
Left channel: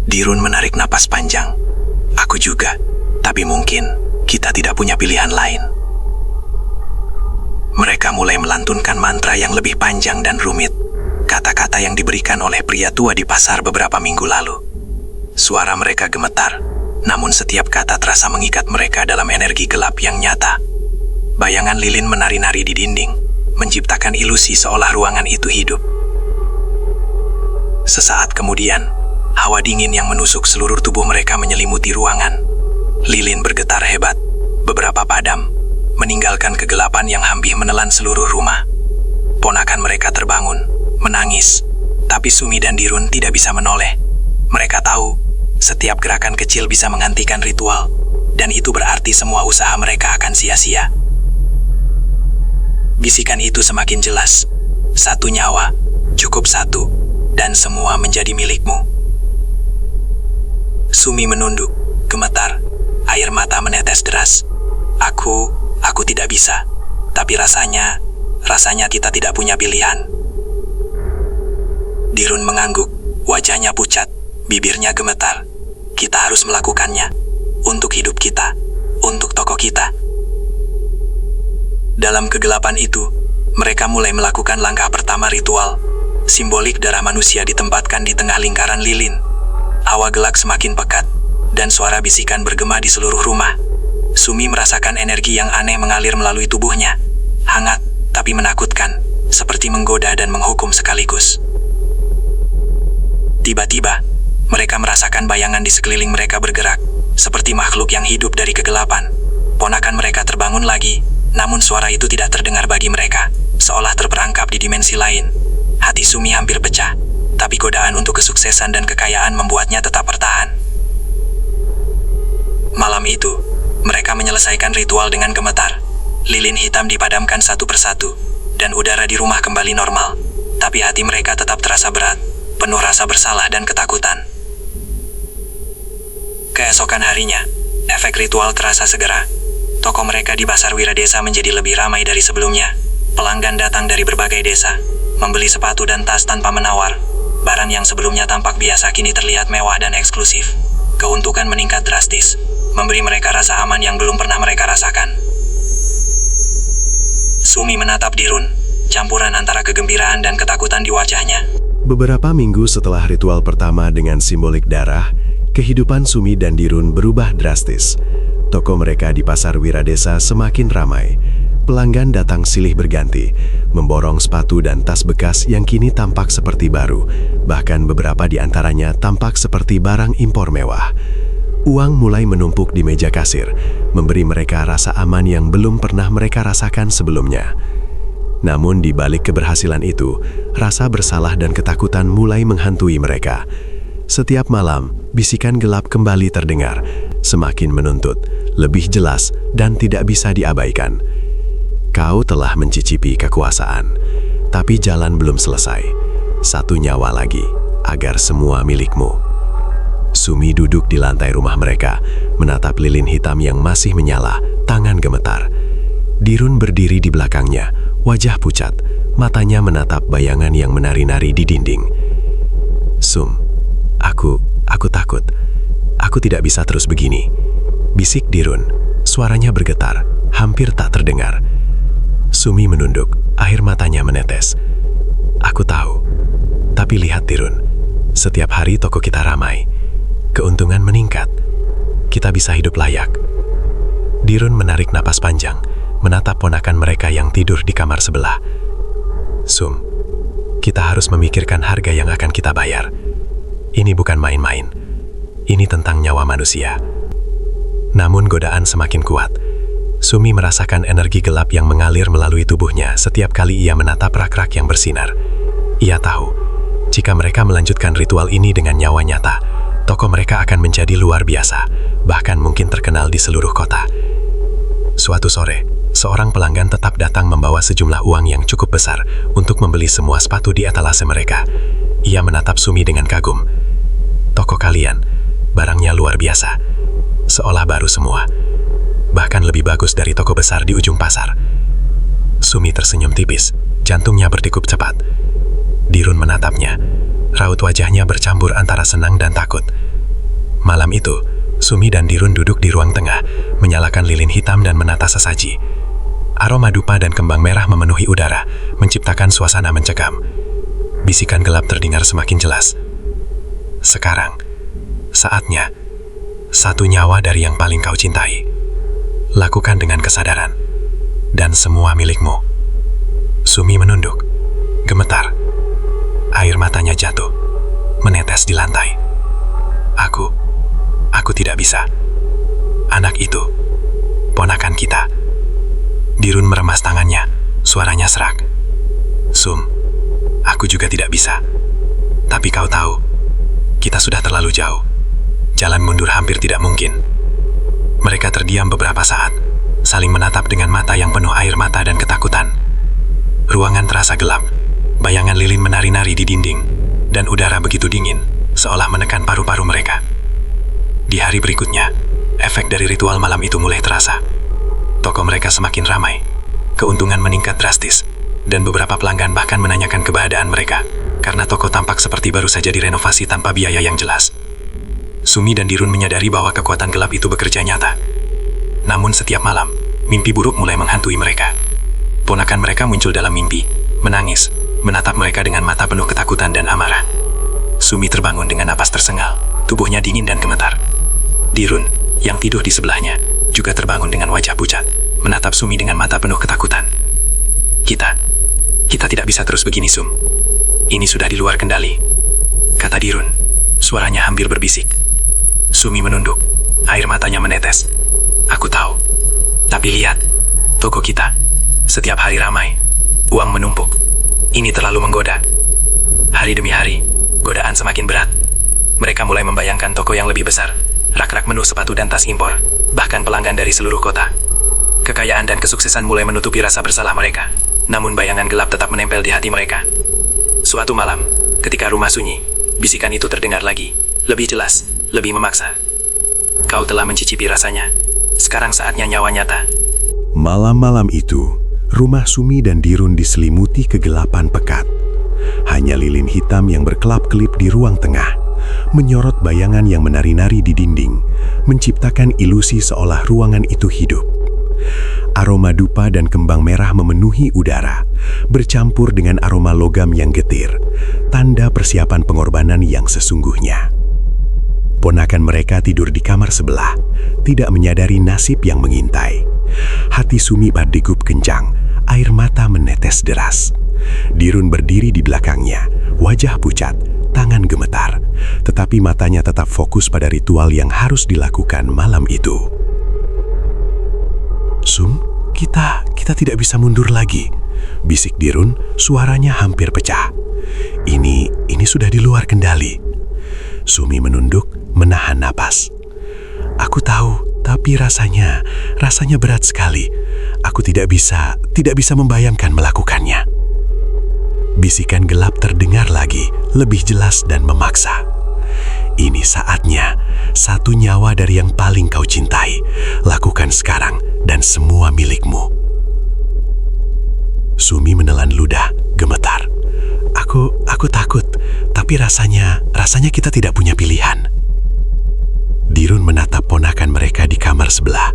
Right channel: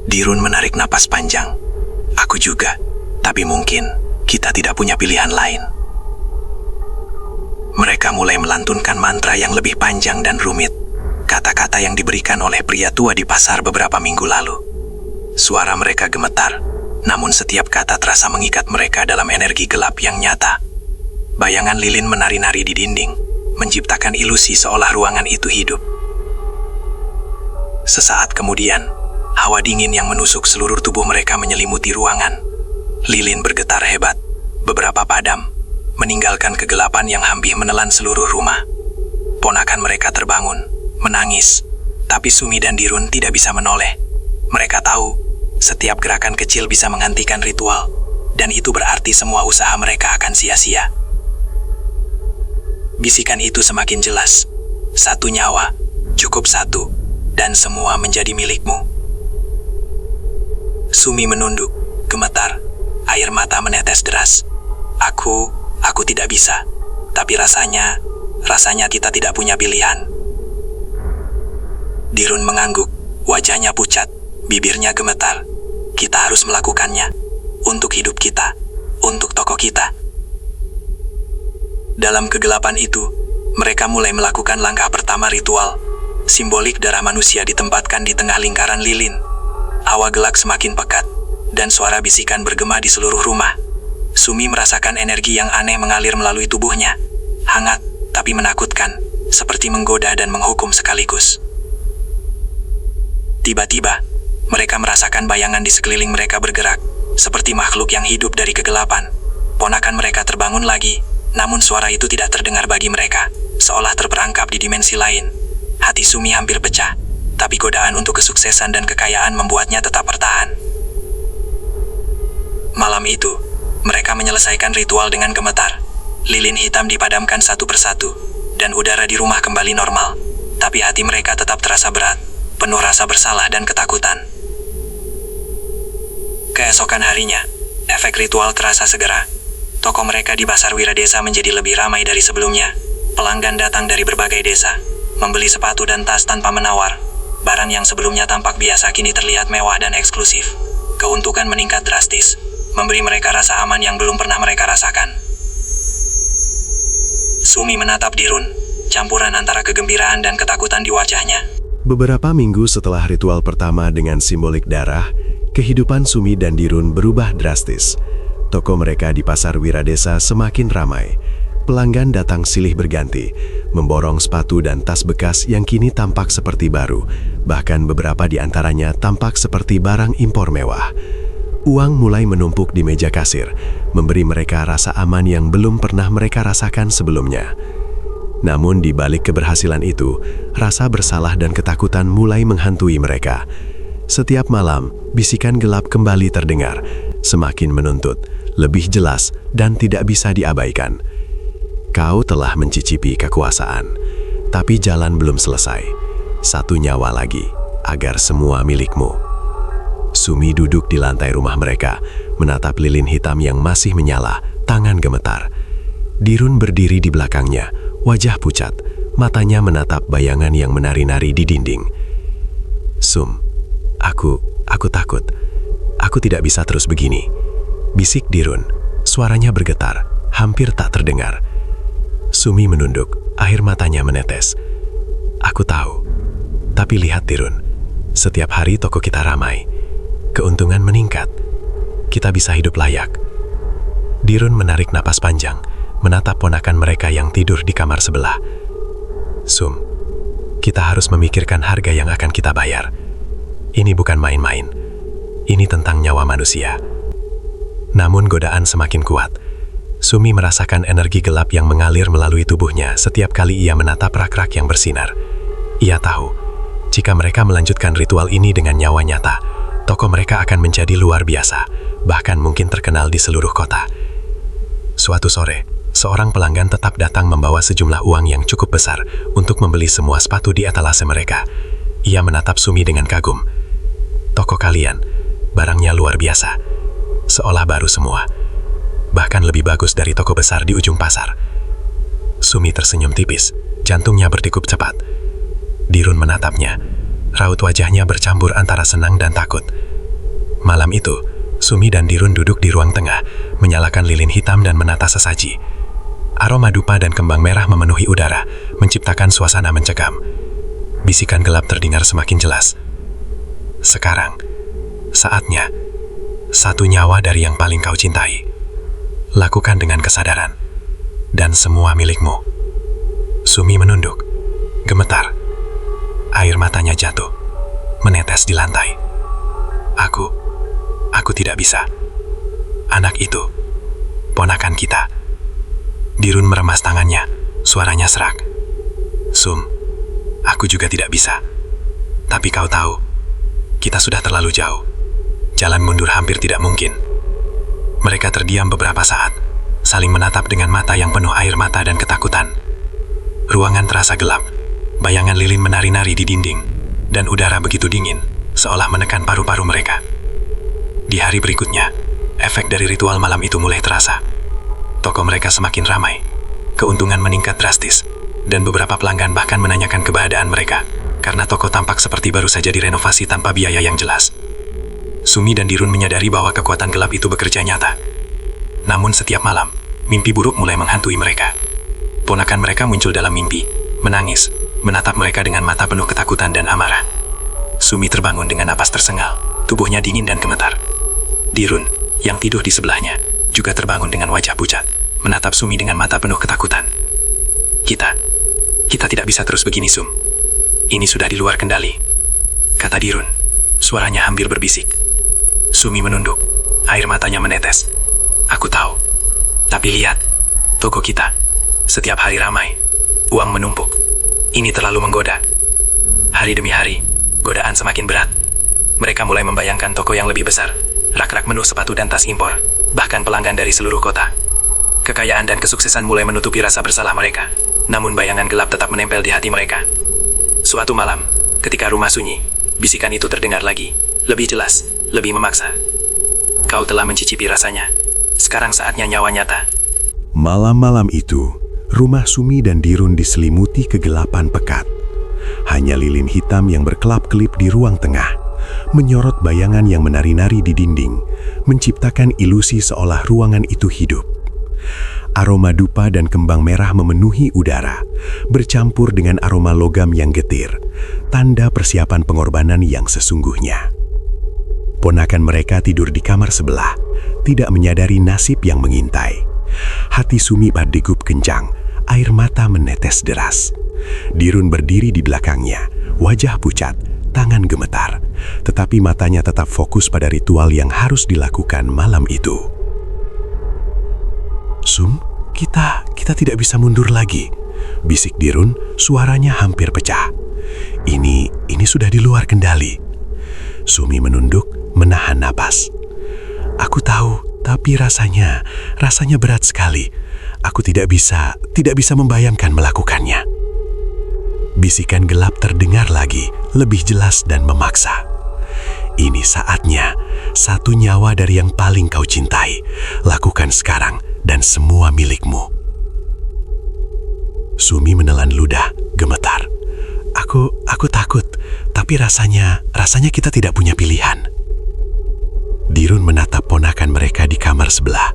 Dirun menarik napas panjang. "Aku juga, tapi mungkin kita tidak punya pilihan lain." Mereka mulai melantunkan mantra yang lebih panjang dan rumit, kata-kata yang diberikan oleh pria tua di pasar beberapa minggu lalu. Suara mereka gemetar, namun setiap kata terasa mengikat mereka dalam energi gelap yang nyata. Bayangan lilin menari-nari di dinding, menciptakan ilusi seolah ruangan itu hidup. Sesaat kemudian, hawa dingin yang menusuk seluruh tubuh mereka menyelimuti ruangan. Lilin bergetar hebat, beberapa padam, meninggalkan kegelapan yang hampir menelan seluruh rumah. Ponakan mereka terbangun, menangis, tapi Sumi dan Dirun tidak bisa menoleh. Mereka tahu, setiap gerakan kecil bisa menghentikan ritual, dan itu berarti semua usaha mereka akan sia-sia. Bisikan itu semakin jelas. "Satu nyawa, cukup satu, dan semua menjadi milikmu." Sumi menunduk, gemetar, air mata menetes deras. Aku tidak bisa, tapi rasanya kita tidak punya pilihan." Dirun mengangguk, wajahnya pucat, bibirnya gemetar. "Kita harus melakukannya, untuk hidup kita, untuk toko kita." Dalam kegelapan itu, mereka mulai melakukan langkah pertama ritual. Simbolik darah manusia ditempatkan di tengah lingkaran lilin. Hawa gelap semakin pekat, dan suara bisikan bergema di seluruh rumah. Sumi merasakan energi yang aneh mengalir melalui tubuhnya. Hangat, tapi menakutkan, seperti menggoda dan menghukum sekaligus. Tiba-tiba, mereka merasakan bayangan di sekeliling mereka bergerak, seperti makhluk yang hidup dari kegelapan. Ponakan mereka terbangun lagi, namun suara itu tidak terdengar bagi mereka, seolah terperangkap di dimensi lain. Hati Sumi hampir pecah, tapi godaan untuk kesuksesan dan kekayaan membuatnya tetap bertahan. Malam itu, mereka menyelesaikan ritual dengan gemetar. Lilin hitam dipadamkan satu persatu, dan udara di rumah kembali normal. Tapi hati mereka tetap terasa berat, penuh rasa bersalah dan ketakutan. Keesokan harinya, efek ritual terasa segera. Toko mereka di Pasar Wiradesa menjadi lebih ramai dari sebelumnya. Pelanggan datang dari berbagai desa, membeli sepatu dan tas tanpa menawar. Barang yang sebelumnya tampak biasa kini terlihat mewah dan eksklusif. Keuntungan meningkat drastis, memberi mereka rasa aman yang belum pernah mereka rasakan. Sumi menatap Dirun, campuran antara kegembiraan dan ketakutan di wajahnya. Beberapa minggu setelah ritual pertama dengan simbolik darah, kehidupan Sumi dan Dirun berubah drastis. Toko mereka di Pasar Wiradesa semakin ramai. Pelanggan datang silih berganti, memborong sepatu dan tas bekas yang kini tampak seperti baru. Bahkan beberapa di antaranya tampak seperti barang impor mewah. Uang mulai menumpuk di meja kasir, memberi mereka rasa aman yang belum pernah mereka rasakan sebelumnya. Namun di balik keberhasilan itu, rasa bersalah dan ketakutan mulai menghantui mereka. Setiap malam, bisikan gelap kembali terdengar, semakin menuntut, lebih jelas dan tidak bisa diabaikan. Kau telah mencicipi kekuasaan, tapi jalan belum selesai. Satu nyawa lagi, agar semua milikmu. Sumi duduk di lantai rumah mereka, menatap lilin hitam yang masih menyala, tangan gemetar. Dirun berdiri di belakangnya, wajah pucat, matanya menatap bayangan yang menari-nari di dinding. Sum, aku takut. Aku tidak bisa terus begini. Bisik Dirun, suaranya bergetar, hampir tak terdengar. Sumi menunduk, air matanya menetes. Aku tahu, tapi lihat Dirun, setiap hari toko kita ramai. Keuntungan meningkat. Kita bisa hidup layak. Dirun menarik napas panjang, menatap ponakan mereka yang tidur di kamar sebelah. Sum, kita harus memikirkan harga yang akan kita bayar. Ini bukan main-main. Ini tentang nyawa manusia. Namun godaan semakin kuat. Sumi merasakan energi gelap yang mengalir melalui tubuhnya setiap kali ia menatap rak-rak yang bersinar. Ia tahu, jika mereka melanjutkan ritual ini dengan nyawa nyata, toko mereka akan menjadi luar biasa, bahkan mungkin terkenal di seluruh kota. Suatu sore, seorang pelanggan tetap datang membawa sejumlah uang yang cukup besar untuk membeli semua sepatu di etalase mereka. Ia menatap Sumi dengan kagum. Toko kalian, barangnya luar biasa, seolah baru semua. Bahkan lebih bagus dari toko besar di ujung pasar. Sumi tersenyum tipis, jantungnya berdegup cepat. Dirun menatapnya, raut wajahnya bercampur antara senang dan takut. Malam itu, Sumi dan Dirun duduk di ruang tengah, menyalakan lilin hitam dan menata sesaji. Aroma dupa dan kembang merah memenuhi udara, menciptakan suasana mencekam. Bisikan gelap terdengar semakin jelas. Sekarang, saatnya, satu nyawa dari yang paling kau cintai. Lakukan dengan kesadaran, dan semua milikmu. Sumi menunduk, gemetar. Air matanya jatuh, menetes di lantai. Aku tidak bisa. Anak itu, ponakan kita. Dirun meremas tangannya, suaranya serak. Sum, aku juga tidak bisa. Tapi kau tahu, kita sudah terlalu jauh. Jalan mundur hampir tidak mungkin. Mereka terdiam beberapa saat, saling menatap dengan mata yang penuh air mata dan ketakutan. Ruangan terasa gelap, bayangan lilin menari-nari di dinding, dan udara begitu dingin, seolah menekan paru-paru mereka. Di hari berikutnya, efek dari ritual malam itu mulai terasa. Toko mereka semakin ramai, keuntungan meningkat drastis, dan beberapa pelanggan bahkan menanyakan keberadaan mereka, karena toko tampak seperti baru saja direnovasi tanpa biaya yang jelas. Sumi dan Dirun menyadari bahwa kekuatan gelap itu bekerja nyata. Namun setiap malam, mimpi buruk mulai menghantui mereka. Ponakan mereka muncul dalam mimpi, menangis, menatap mereka dengan mata penuh ketakutan dan amarah. Sumi terbangun dengan napas tersengal, tubuhnya dingin dan gemetar. Dirun, yang tidur di sebelahnya, juga terbangun dengan wajah pucat, menatap Sumi dengan mata penuh ketakutan. Kita tidak bisa terus begini, Sum. Ini sudah di luar kendali, kata Dirun. Suaranya hampir berbisik. Sumi menunduk, air matanya menetes. Aku tahu, tapi lihat, toko kita, setiap hari ramai, uang menumpuk. Ini terlalu menggoda. Hari demi hari, godaan semakin berat. Mereka mulai membayangkan toko yang lebih besar, rak-rak menu sepatu dan tas impor, bahkan pelanggan dari seluruh kota. Kekayaan dan kesuksesan mulai menutupi rasa bersalah mereka, namun bayangan gelap tetap menempel di hati mereka. Suatu malam, ketika rumah sunyi, Bisikan itu terdengar lagi, lebih jelas, lebih memaksa. Kau telah mencicipi rasanya. Sekarang saatnya nyawa nyata. Malam-malam itu, rumah Sumi dan Dirun diselimuti kegelapan pekat. Hanya lilin hitam yang berkelap-kelip di ruang tengah, menyorot bayangan yang menari-nari di dinding, menciptakan ilusi seolah ruangan itu hidup. Aroma dupa dan kembang merah memenuhi udara, bercampur dengan aroma logam yang getir, tanda persiapan pengorbanan yang sesungguhnya. Ponakan mereka tidur di kamar sebelah, tidak menyadari nasib yang mengintai. Hati Sumi berdegup kencang, air mata menetes deras. Dirun berdiri di belakangnya, wajah pucat, tangan gemetar, tetapi matanya tetap fokus pada ritual yang harus dilakukan malam itu. "Sum, kita tidak bisa mundur lagi," bisik Dirun, suaranya hampir pecah. Ini sudah di luar kendali." Sumi menunduk, menahan napas. "Aku tahu, tapi rasanya berat sekali. Aku tidak bisa membayangkan melakukannya." Bisikan gelap terdengar lagi, lebih jelas dan memaksa. "Ini saatnya, satu nyawa dari yang paling kau cintai. Lakukan sekarang dan semua milikmu." Sumi menelan ludah, gemetar. Aku takut, tapi rasanya kita tidak punya pilihan." Dirun menatap ponakan mereka di kamar sebelah.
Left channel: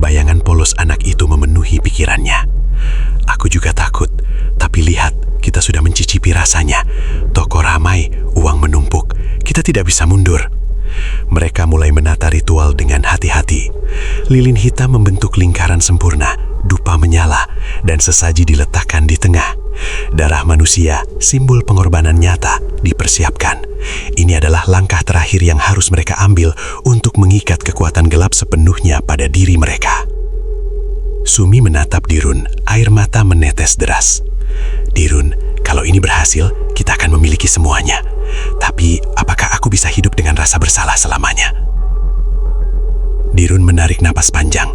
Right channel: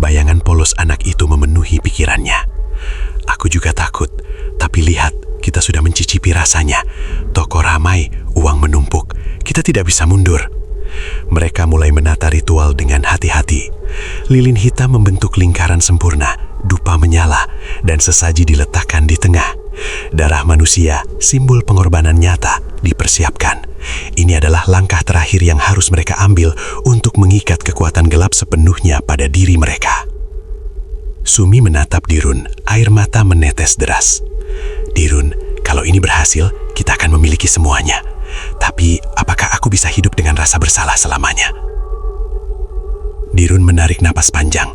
Bayangan polos anak itu memenuhi pikirannya. "Aku juga takut, tapi lihat, kita sudah mencicipi rasanya. Toko ramai, uang menumpuk. Kita tidak bisa mundur." Mereka mulai menata ritual dengan hati-hati. Lilin hitam membentuk lingkaran sempurna, dupa menyala, dan sesaji diletakkan di tengah. Darah manusia, simbol pengorbanan nyata, dipersiapkan. Ini adalah langkah terakhir yang harus mereka ambil untuk mengikat kekuatan gelap sepenuhnya pada diri mereka. Sumi menatap Dirun, air mata menetes deras. "Dirun, kalau ini berhasil, kita akan memiliki semuanya. Tapi, apakah aku bisa hidup dengan rasa bersalah selamanya?" Dirun menarik napas panjang.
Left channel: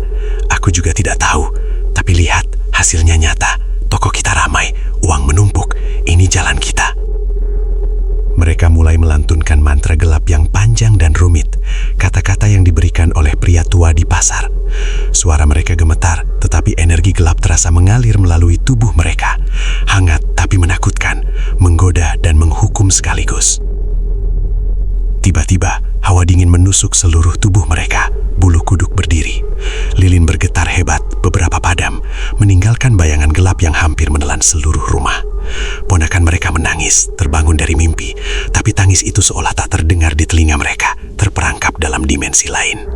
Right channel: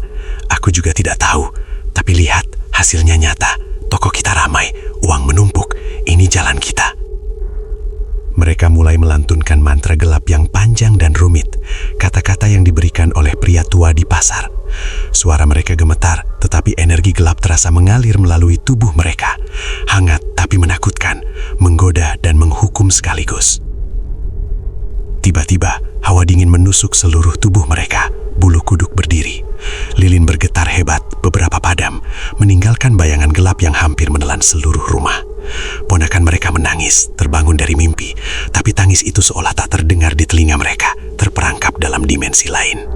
"Aku juga tidak tahu, tapi lihat, hasilnya nyata. Toko kita ramai, uang menumpuk. Ini jalan kita." Mereka mulai melantunkan mantra gelap yang panjang dan rumit, kata-kata yang diberikan oleh pria tua di pasar. Suara mereka gemetar, tetapi energi gelap terasa mengalir melalui tubuh mereka. Hangat tapi menakutkan, menggoda dan menghukum sekaligus. Tiba-tiba, hawa dingin menusuk seluruh tubuh mereka. Bulu kuduk berdiri. Lilin bergetar hebat, beberapa padam, meninggalkan bayangan gelap yang hampir menelan seluruh rumah. Ponakan mereka menangis, terbangun dari mimpi, tapi tangis itu seolah tak terdengar di telinga mereka, terperangkap dalam dimensi lain.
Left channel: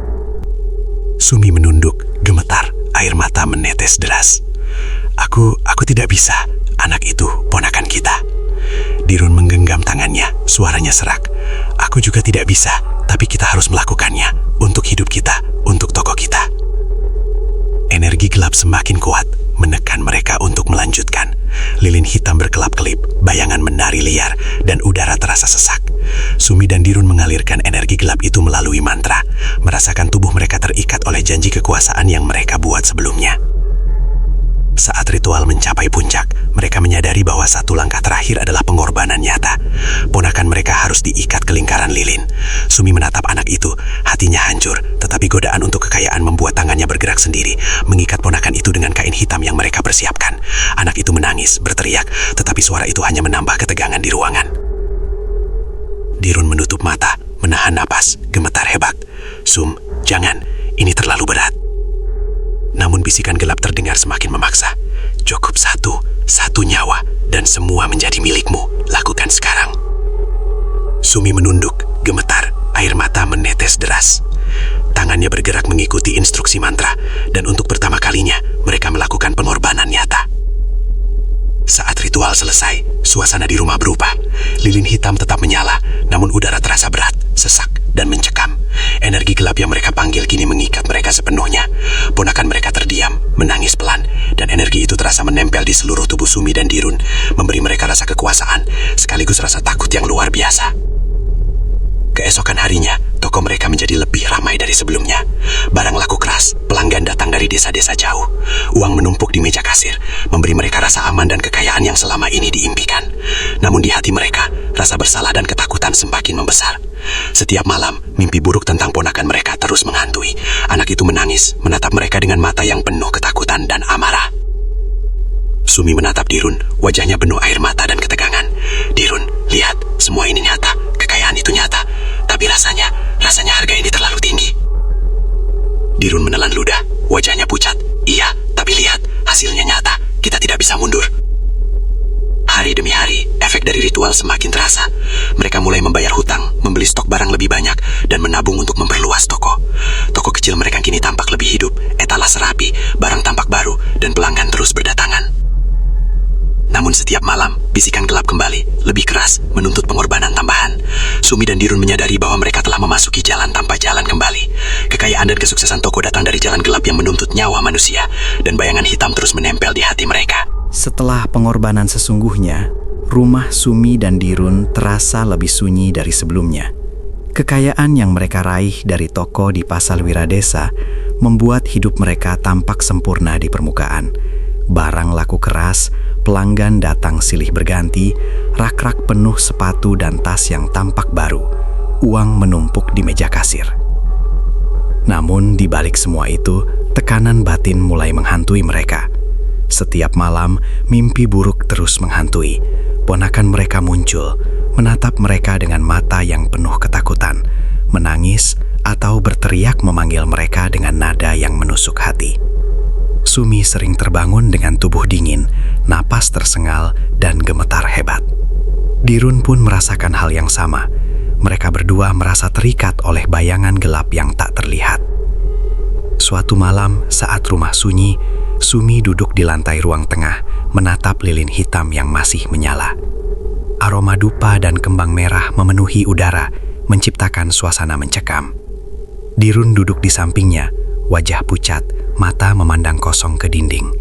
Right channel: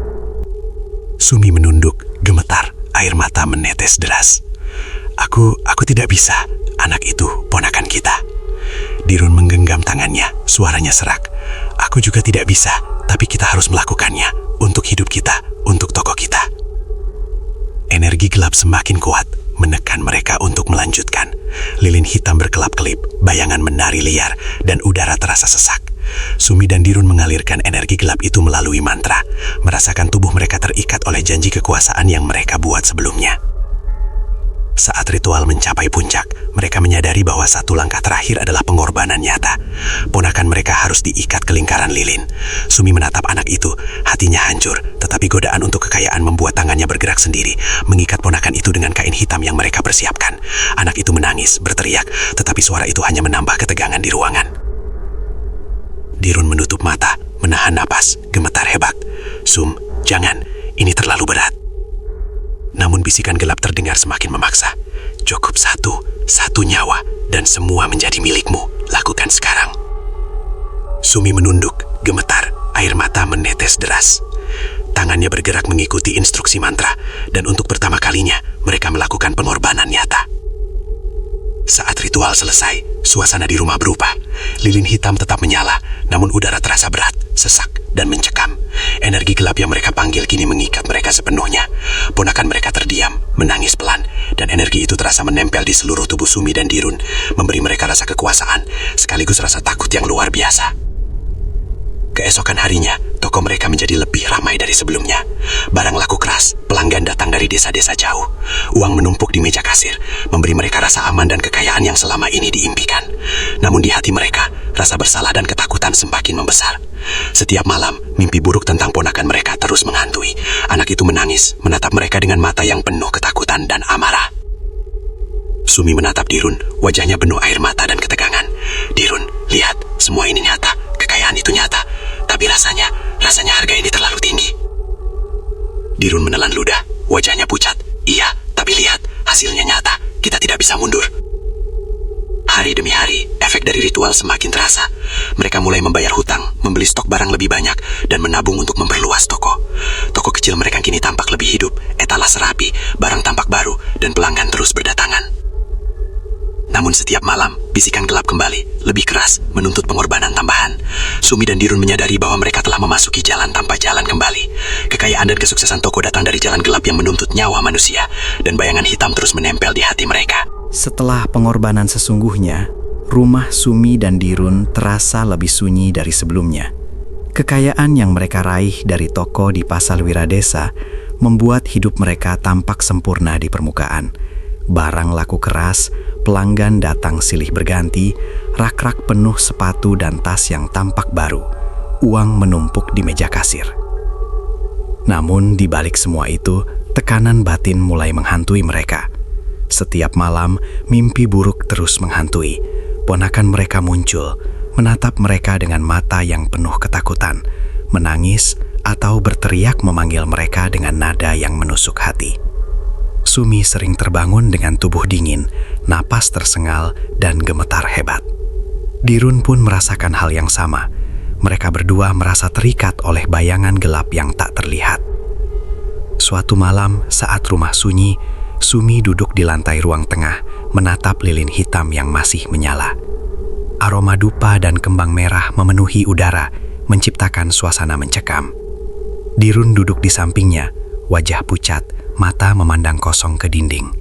Sumi menunduk, gemetar, air mata menetes deras. Aku tidak bisa. Anak itu ponakan kita." Dirun menggenggam tangannya, suaranya serak. "Aku juga tidak bisa, tapi kita harus melakukannya. Untuk hidup kita, untuk toko kita." Energi gelap semakin kuat, menekan mereka untuk melanjutkan. Lilin hitam berkelap-kelip, bayangan menari liar, dan udara terasa sesak. Sumi dan Dirun mengalirkan energi gelap itu melalui mantra, merasakan tubuh mereka terikat oleh janji kekuasaan yang mereka buat sebelumnya. Saat ritual mencapai puncak, mereka menyadari bahwa satu langkah terakhir adalah pengorbanan nyata. Ponakan mereka harus diikat ke lingkaran lilin. Sumi menatap anak itu, hatinya hancur, tetapi godaan untuk kekayaan membuat tangannya bergerak sendiri, mengikat ponakan itu dengan kain hitam yang mereka persiapkan. Anak itu menangis, berteriak, tetapi suara itu hanya menambah ketegangan di ruangan. Dirun menutup mata, menahan napas, gemetar hebat. "Sum, jangan, ini terlalu berat." Namun bisikan gelap terdengar semakin memaksa. "Cukup satu nyawa, dan semua menjadi milikmu. Lakukan sekarang." Sumi menunduk, gemetar, air mata menetes deras. Tangannya bergerak mengikuti instruksi mantra, dan untuk pertama kalinya, mereka melakukan pengorbanan nyata. Saat ritual selesai, suasana di rumah berubah. Lilin hitam tetap menyala, namun udara terasa berat, sesak, dan mencekam. Energi gelap yang mereka panggil kini mengikat mereka sepenuhnya. Ponakan mereka terdiam, menangis pelan, dan energi itu terasa menempel di seluruh tubuh Sumi dan Dirun, memberi mereka rasa kekuasaan, sekaligus rasa takut yang luar biasa. Keesokan harinya, toko mereka menjadi lebih ramai dari sebelumnya. Barang laku keras, pelanggan datang dari desa-desa jauh. Uang menumpuk di meja kasir, memberi mereka rasa aman dan kekayaan yang selama ini diimpikan. Namun di hati mereka, rasa bersalah dan ketakutan semakin membesar. Setiap malam, mimpi buruk tentang ponakan mereka terus menghantui. Anak itu menangis, menatap mereka dengan mata yang penuh ketakutan dan amarah. Sumi menatap Dirun, wajahnya penuh air mata dan ketegangan. Dirun, lihat, semua ini nyata, kekayaan itu nyata. Tapi rasanya harga ini terlalu tinggi. Dirun menelan ludah, wajahnya pucat. Iya, tapi lihat, hasilnya nyata, kita tidak bisa mundur. Hari demi hari, efek dari ritual semakin terasa. Mereka mulai membayar hutang, membeli stok barang lebih banyak, dan menabung untuk memperluas toko. Toko kecil mereka kini tampak lebih hidup, etalase rapi, barang tampak baru, dan pelanggan terus berdatangan. Namun setiap malam, bisikan gelap kembali, lebih keras, menuntut pengorbanan tambahan. Sumi dan Dirun menyadari bahwa mereka telah memasuki jalan tanpa jalan kembali. Kekayaan dan kesuksesan toko datang dari jalan gelap yang menuntut nyawa manusia, dan bayangan hitam terus menempel di hati mereka. Setelah pengorbanan sesungguhnya, rumah Sumi dan Dirun terasa lebih sunyi dari sebelumnya. Kekayaan yang mereka raih dari toko di Pasar Wiradesa membuat hidup mereka tampak sempurna di permukaan. Barang laku keras, pelanggan datang silih berganti, rak-rak penuh sepatu dan tas yang tampak baru. Uang menumpuk di meja kasir. Namun di balik semua itu, tekanan batin mulai menghantui mereka. Setiap malam, mimpi buruk terus menghantui. Ponakan mereka muncul, menatap mereka dengan mata yang penuh ketakutan, menangis atau berteriak memanggil mereka dengan nada yang menusuk hati. Sumi sering terbangun dengan tubuh dingin, napas tersengal, dan gemetar hebat. Dirun pun merasakan hal yang sama. Mereka berdua merasa terikat oleh bayangan gelap yang tak terlihat. Suatu malam, saat rumah sunyi, Sumi duduk di lantai ruang tengah, menatap lilin hitam yang masih menyala. Aroma dupa dan kembang merah memenuhi udara, menciptakan suasana mencekam. Dirun duduk di sampingnya, wajah pucat, mata memandang kosong ke dinding.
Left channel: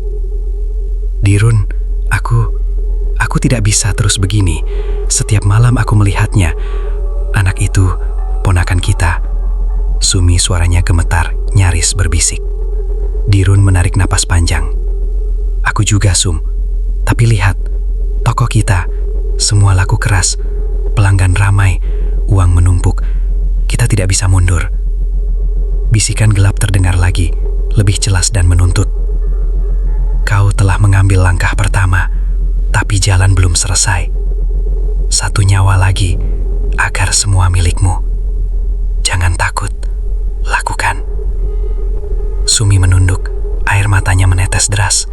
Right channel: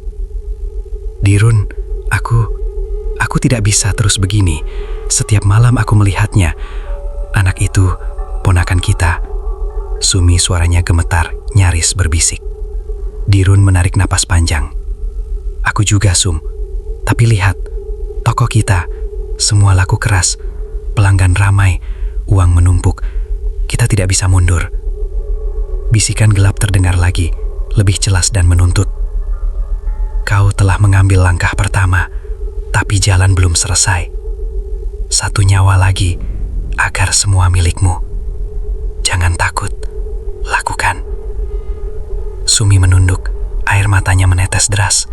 Dirun, aku tidak bisa terus begini. Setiap malam aku melihatnya. Anak itu, ponakan kita. Sumi suaranya gemetar, nyaris berbisik. Dirun menarik napas panjang. Aku juga, Sum. Tapi lihat, toko kita, semua laku keras, pelanggan ramai, uang menumpuk. Kita tidak bisa mundur. Bisikan gelap terdengar lagi, lebih jelas dan menuntut. Kau telah mengambil langkah pertama, tapi jalan belum selesai. Satu nyawa lagi, agar semua milikmu. Jangan takut, lakukan. Sumi menunduk, air matanya menetes deras.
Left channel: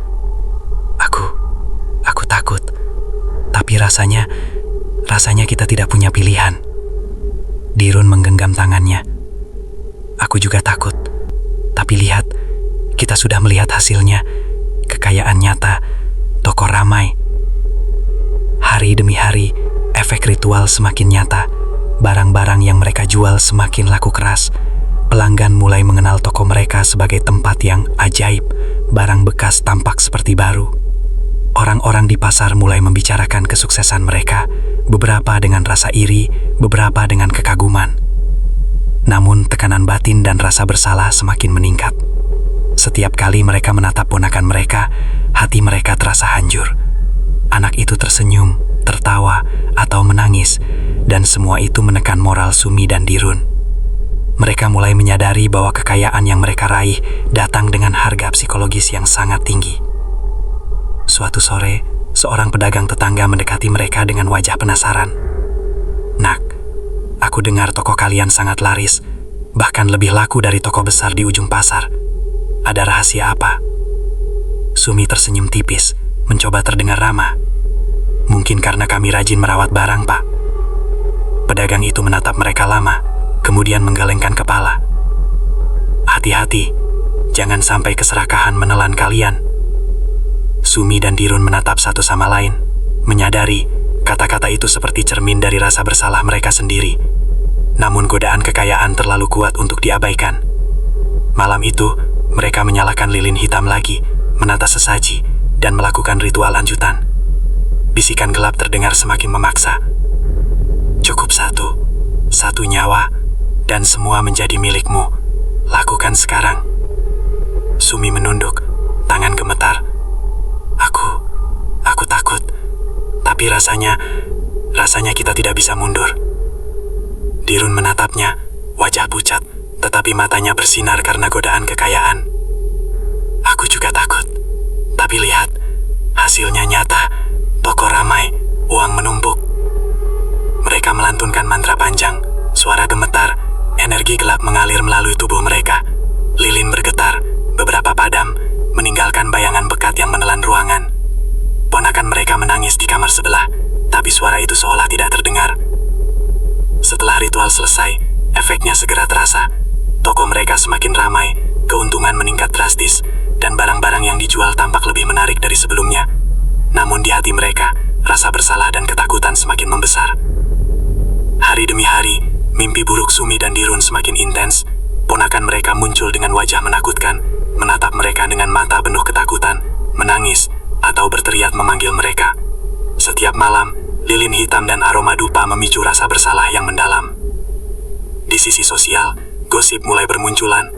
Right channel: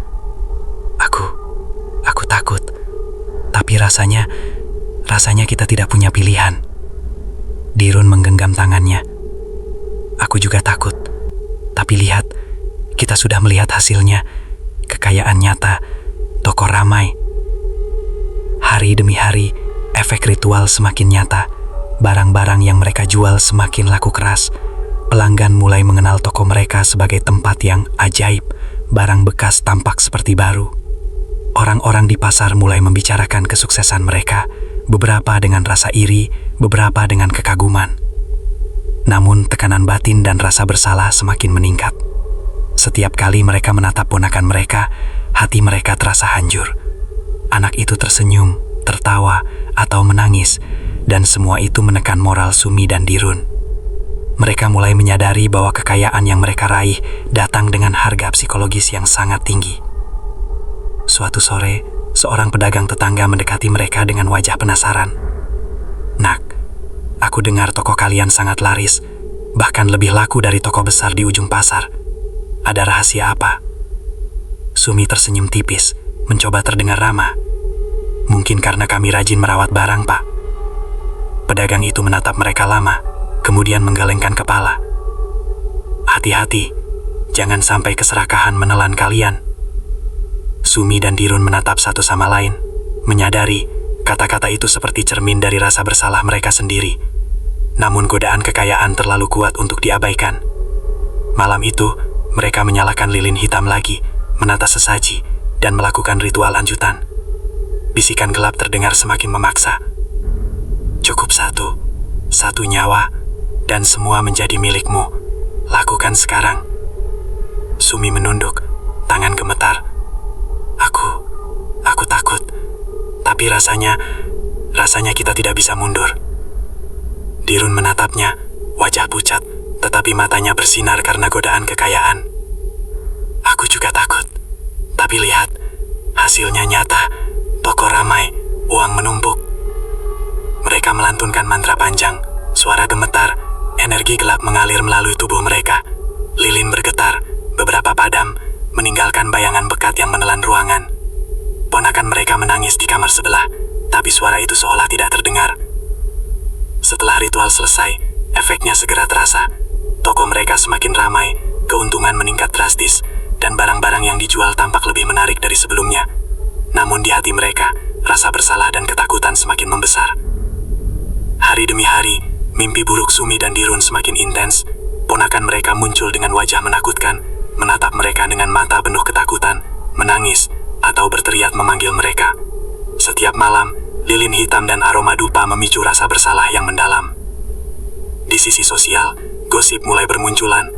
Aku takut. Tapi rasanya kita tidak punya pilihan. Dirun menggenggam tangannya. Aku juga takut. Tapi lihat, kita sudah melihat hasilnya. Kekayaan nyata, toko ramai. Hari demi hari, efek ritual semakin nyata. Barang-barang yang mereka jual semakin laku keras. Pelanggan mulai mengenal toko mereka sebagai tempat yang ajaib. Barang bekas tampak seperti baru. Orang-orang di pasar mulai membicarakan kesuksesan mereka, beberapa dengan rasa iri, beberapa dengan kekaguman. Namun tekanan batin dan rasa bersalah semakin meningkat. Setiap kali mereka menatap ponakan mereka, hati mereka terasa hancur. Anak itu tersenyum, tertawa, atau menangis, dan semua itu menekan moral Sumi dan Dirun. Mereka mulai menyadari bahwa kekayaan yang mereka raih datang dengan harga psikologis yang sangat tinggi. Suatu sore, seorang pedagang tetangga mendekati mereka dengan wajah penasaran. Nak, aku dengar toko kalian sangat laris, bahkan lebih laku dari toko besar di ujung pasar. Ada rahasia apa? Sumi tersenyum tipis, mencoba terdengar ramah. Mungkin karena kami rajin merawat barang, Pak. Pedagang itu menatap mereka lama, kemudian menggelengkan kepala. Hati-hati, jangan sampai keserakahan menelan kalian. Sumi dan Dirun menatap satu sama lain, menyadari kata-kata itu seperti cermin dari rasa bersalah mereka sendiri. Namun godaan kekayaan terlalu kuat untuk diabaikan. Malam itu, mereka menyalakan lilin hitam lagi, menata sesaji, dan melakukan ritual lanjutan. Bisikan gelap terdengar semakin memaksa. Cukup satu nyawa, dan semua menjadi milikmu. Lakukan sekarang. Sumi menunduk, tangan gemetar. Aku takut. Tapi rasanya Rasanya kita tidak bisa mundur. Dirun menatapnya, wajah pucat, tetapi matanya bersinar karena godaan kekayaan. Aku juga takut. Tapi lihat, hasilnya nyata. Toko ramai, uang menumpuk. Mereka melantunkan mantra panjang, suara gemetar, energi gelap mengalir melalui tubuh mereka. Lilin bergetar, beberapa padam, meninggalkan bayangan pekat yang menelan ruangan. Ponakan mereka menangis di kamar sebelah, tapi suara itu seolah tidak terdengar. Setelah ritual selesai, efeknya segera terasa. Toko mereka semakin ramai, keuntungan meningkat drastis, dan barang-barang yang dijual tampak lebih menarik dari sebelumnya. Namun di hati mereka, rasa bersalah dan ketakutan semakin membesar. Hari demi hari, mimpi buruk Sumi dan Dirun semakin intens. Ponakan mereka muncul dengan wajah menakutkan, menatap mereka dengan mata penuh ketakutan, menangis, atau berteriak memanggil mereka. Setiap malam, lilin hitam dan aroma dupa memicu rasa bersalah yang mendalam. Di sisi sosial, gosip mulai bermunculan.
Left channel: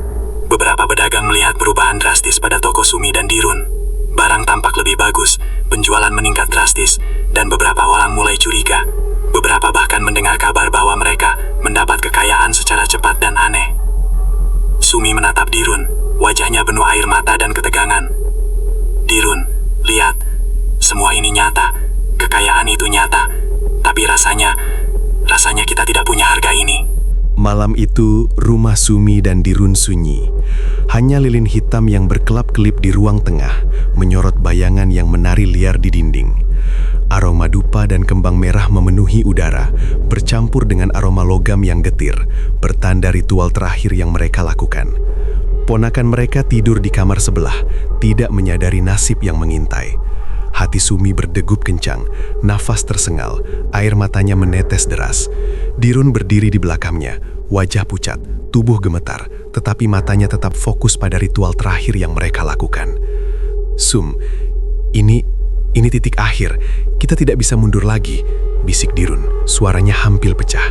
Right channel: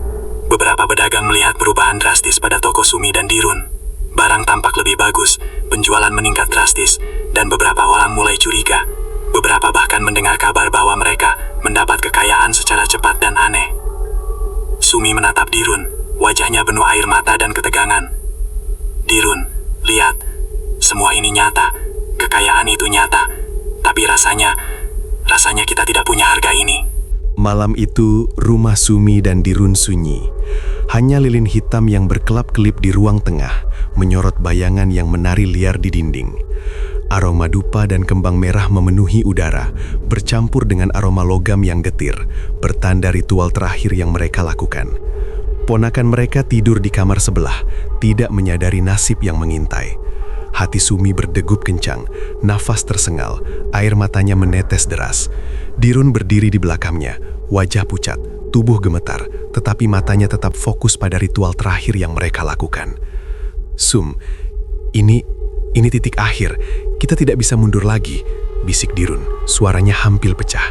Beberapa pedagang melihat perubahan drastis pada toko Sumi dan Dirun. Barang tampak lebih bagus, penjualan meningkat drastis, dan beberapa orang mulai curiga. Beberapa bahkan mendengar kabar bahwa mereka mendapat kekayaan secara cepat dan aneh. Sumi menatap Dirun, wajahnya penuh air mata dan ketegangan. Dirun, lihat, semua ini nyata, kekayaan itu nyata, tapi rasanya kita tidak punya harga ini. Malam itu, rumah Sumi dan Dirun sunyi. Hanya lilin hitam yang berkelap-kelip di ruang tengah, menyorot bayangan yang menari liar di dinding. Aroma dupa dan kembang merah memenuhi udara, bercampur dengan aroma logam yang getir, pertanda ritual terakhir yang mereka lakukan. Ponakan mereka tidur di kamar sebelah, tidak menyadari nasib yang mengintai. Hati Sumi berdegup kencang, nafas tersengal, air matanya menetes deras. Dirun berdiri di belakangnya, wajah pucat, tubuh gemetar, tetapi matanya tetap fokus pada ritual terakhir yang mereka lakukan. Sum, ini titik akhir, kita tidak bisa mundur lagi, bisik Dirun, suaranya hampir pecah.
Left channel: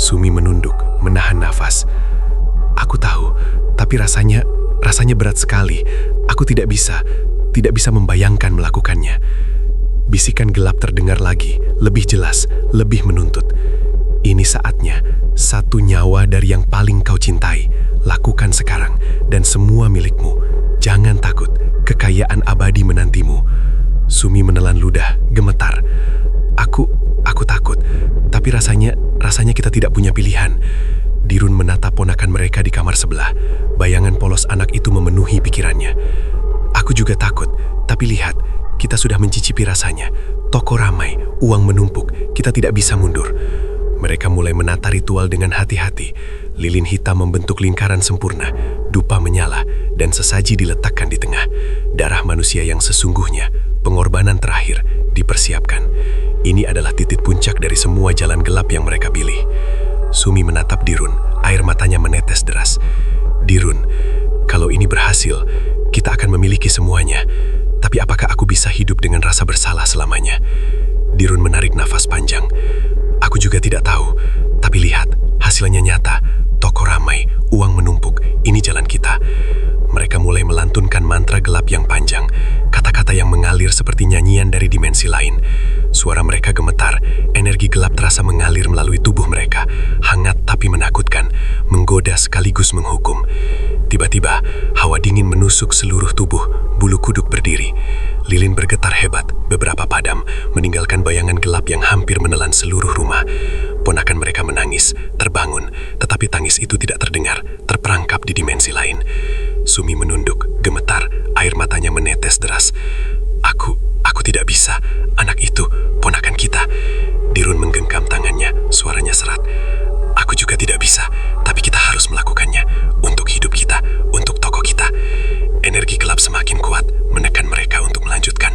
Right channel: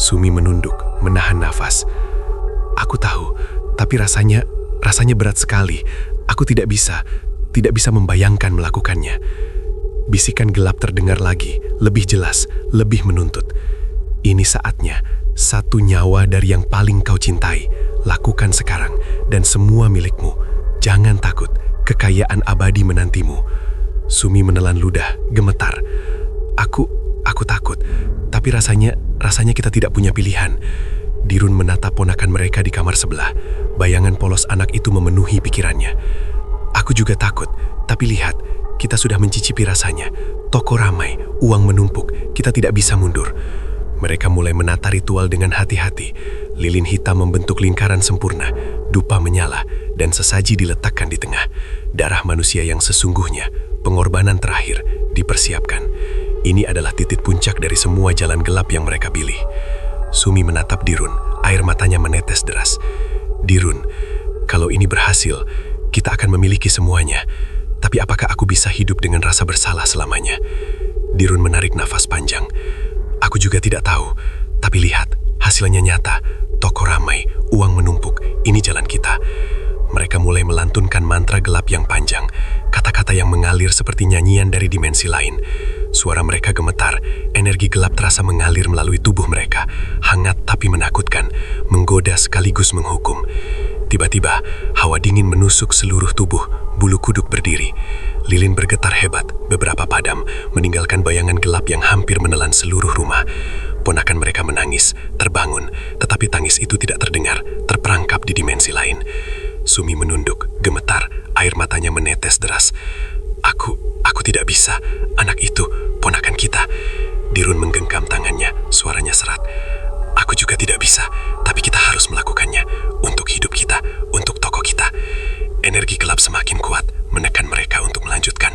Sumi menunduk, menahan nafas. Aku tahu, tapi rasanya berat sekali. Aku tidak bisa membayangkan melakukannya. Bisikan gelap terdengar lagi, lebih jelas, lebih menuntut. Ini saatnya, satu nyawa dari yang paling kau cintai, lakukan sekarang, dan semua milikmu. Jangan takut, kekayaan abadi menantimu. Sumi menelan ludah, gemetar. Aku takut, tapi rasanya kita tidak punya pilihan. Dirun menatap ponakan mereka di kamar sebelah. Bayangan polos anak itu memenuhi pikirannya. Aku juga takut, tapi lihat, kita sudah mencicipi rasanya. Toko ramai, uang menumpuk, kita tidak bisa mundur. Mereka mulai menata ritual dengan hati-hati. Lilin hitam membentuk lingkaran sempurna, dupa menyala, dan sesaji diletakkan di tengah. Darah manusia yang sesungguhnya, pengorbanan terakhir, dipersiapkan. Ini adalah titik puncak dari semua jalan gelap yang mereka pilih. Sumi menatap Dirun, air matanya menetes deras. Dirun, kalau ini berhasil, kita akan memiliki semuanya. Tapi apakah aku bisa hidup dengan rasa bersalah selamanya? Dirun menarik nafas panjang. Aku juga tidak tahu, tapi lihat, hasilnya nyata. Toko ramai, uang menumpuk, ini jalan kita. Mereka mulai melantunkan mantra gelap yang panjang, kata-kata yang mengalir seperti nyanyian dari dimensi lain. Suara mereka gemetar, energi gelap terasa mengalir melalui tubuh mereka, hangat tapi menakutkan, menggoda sekaligus menghukum. Tiba-tiba, hawa dingin menusuk seluruh tubuh, bulu kuduk berdiri. Lilin bergetar hebat, beberapa padam, meninggalkan bayangan gelap yang hampir menelan seluruh rumah. Ponakan mereka menangis, terbangun, tetapi tangis itu tidak terdengar, terperangkap di dimensi lain. Sumi menunduk, gemetar, air matanya menetes deras. Aku tidak bisa, anak itu, ponakan kita. Dirun menggenggam tangannya, suaranya serat. Aku juga tidak bisa, tapi kita harus melakukannya. Untuk hidup kita, untuk toko kita. Energi gelap semakin kuat, menekan mereka untuk melanjutkan.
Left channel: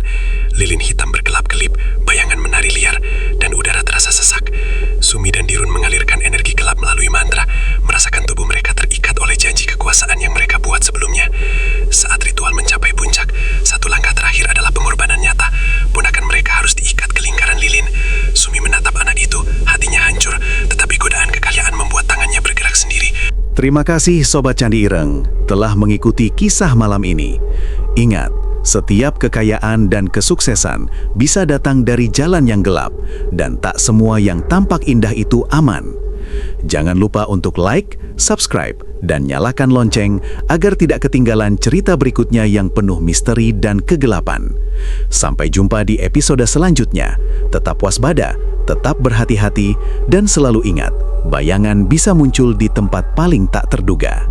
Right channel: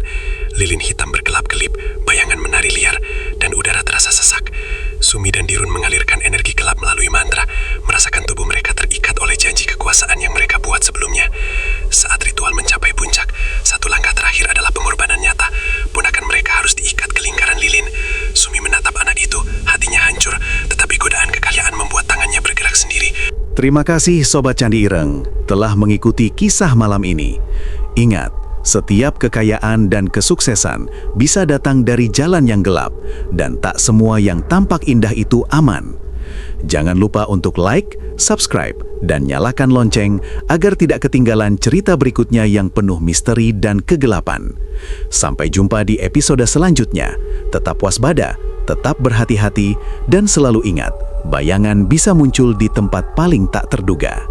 Lilin hitam berkelap-kelip, bayangan menari liar, dan udara terasa sesak. Sumi dan Dirun mengalirkan energi gelap melalui mantra, merasakan tubuh mereka terikat oleh janji kekuasaan yang mereka buat sebelumnya. Saat ritual mencapai puncak, satu langkah terakhir adalah pengorbanan nyata. Ponakan mereka harus diikat ke lingkaran lilin. Sumi menatap anak itu, hatinya hancur, tetapi godaan kekayaan membuat tangannya bergerak sendiri. Terima kasih Sobat Candi Ireng telah mengikuti kisah malam ini. Ingat, Setiap kekayaan dan kesuksesan bisa datang dari jalan yang gelap, dan tak semua yang tampak indah itu aman. Jangan lupa untuk like, subscribe, dan nyalakan lonceng agar tidak ketinggalan cerita berikutnya yang penuh misteri dan kegelapan. Sampai jumpa di episode selanjutnya. Tetap waspada, tetap berhati-hati, dan selalu ingat, bayangan bisa muncul di tempat paling tak terduga.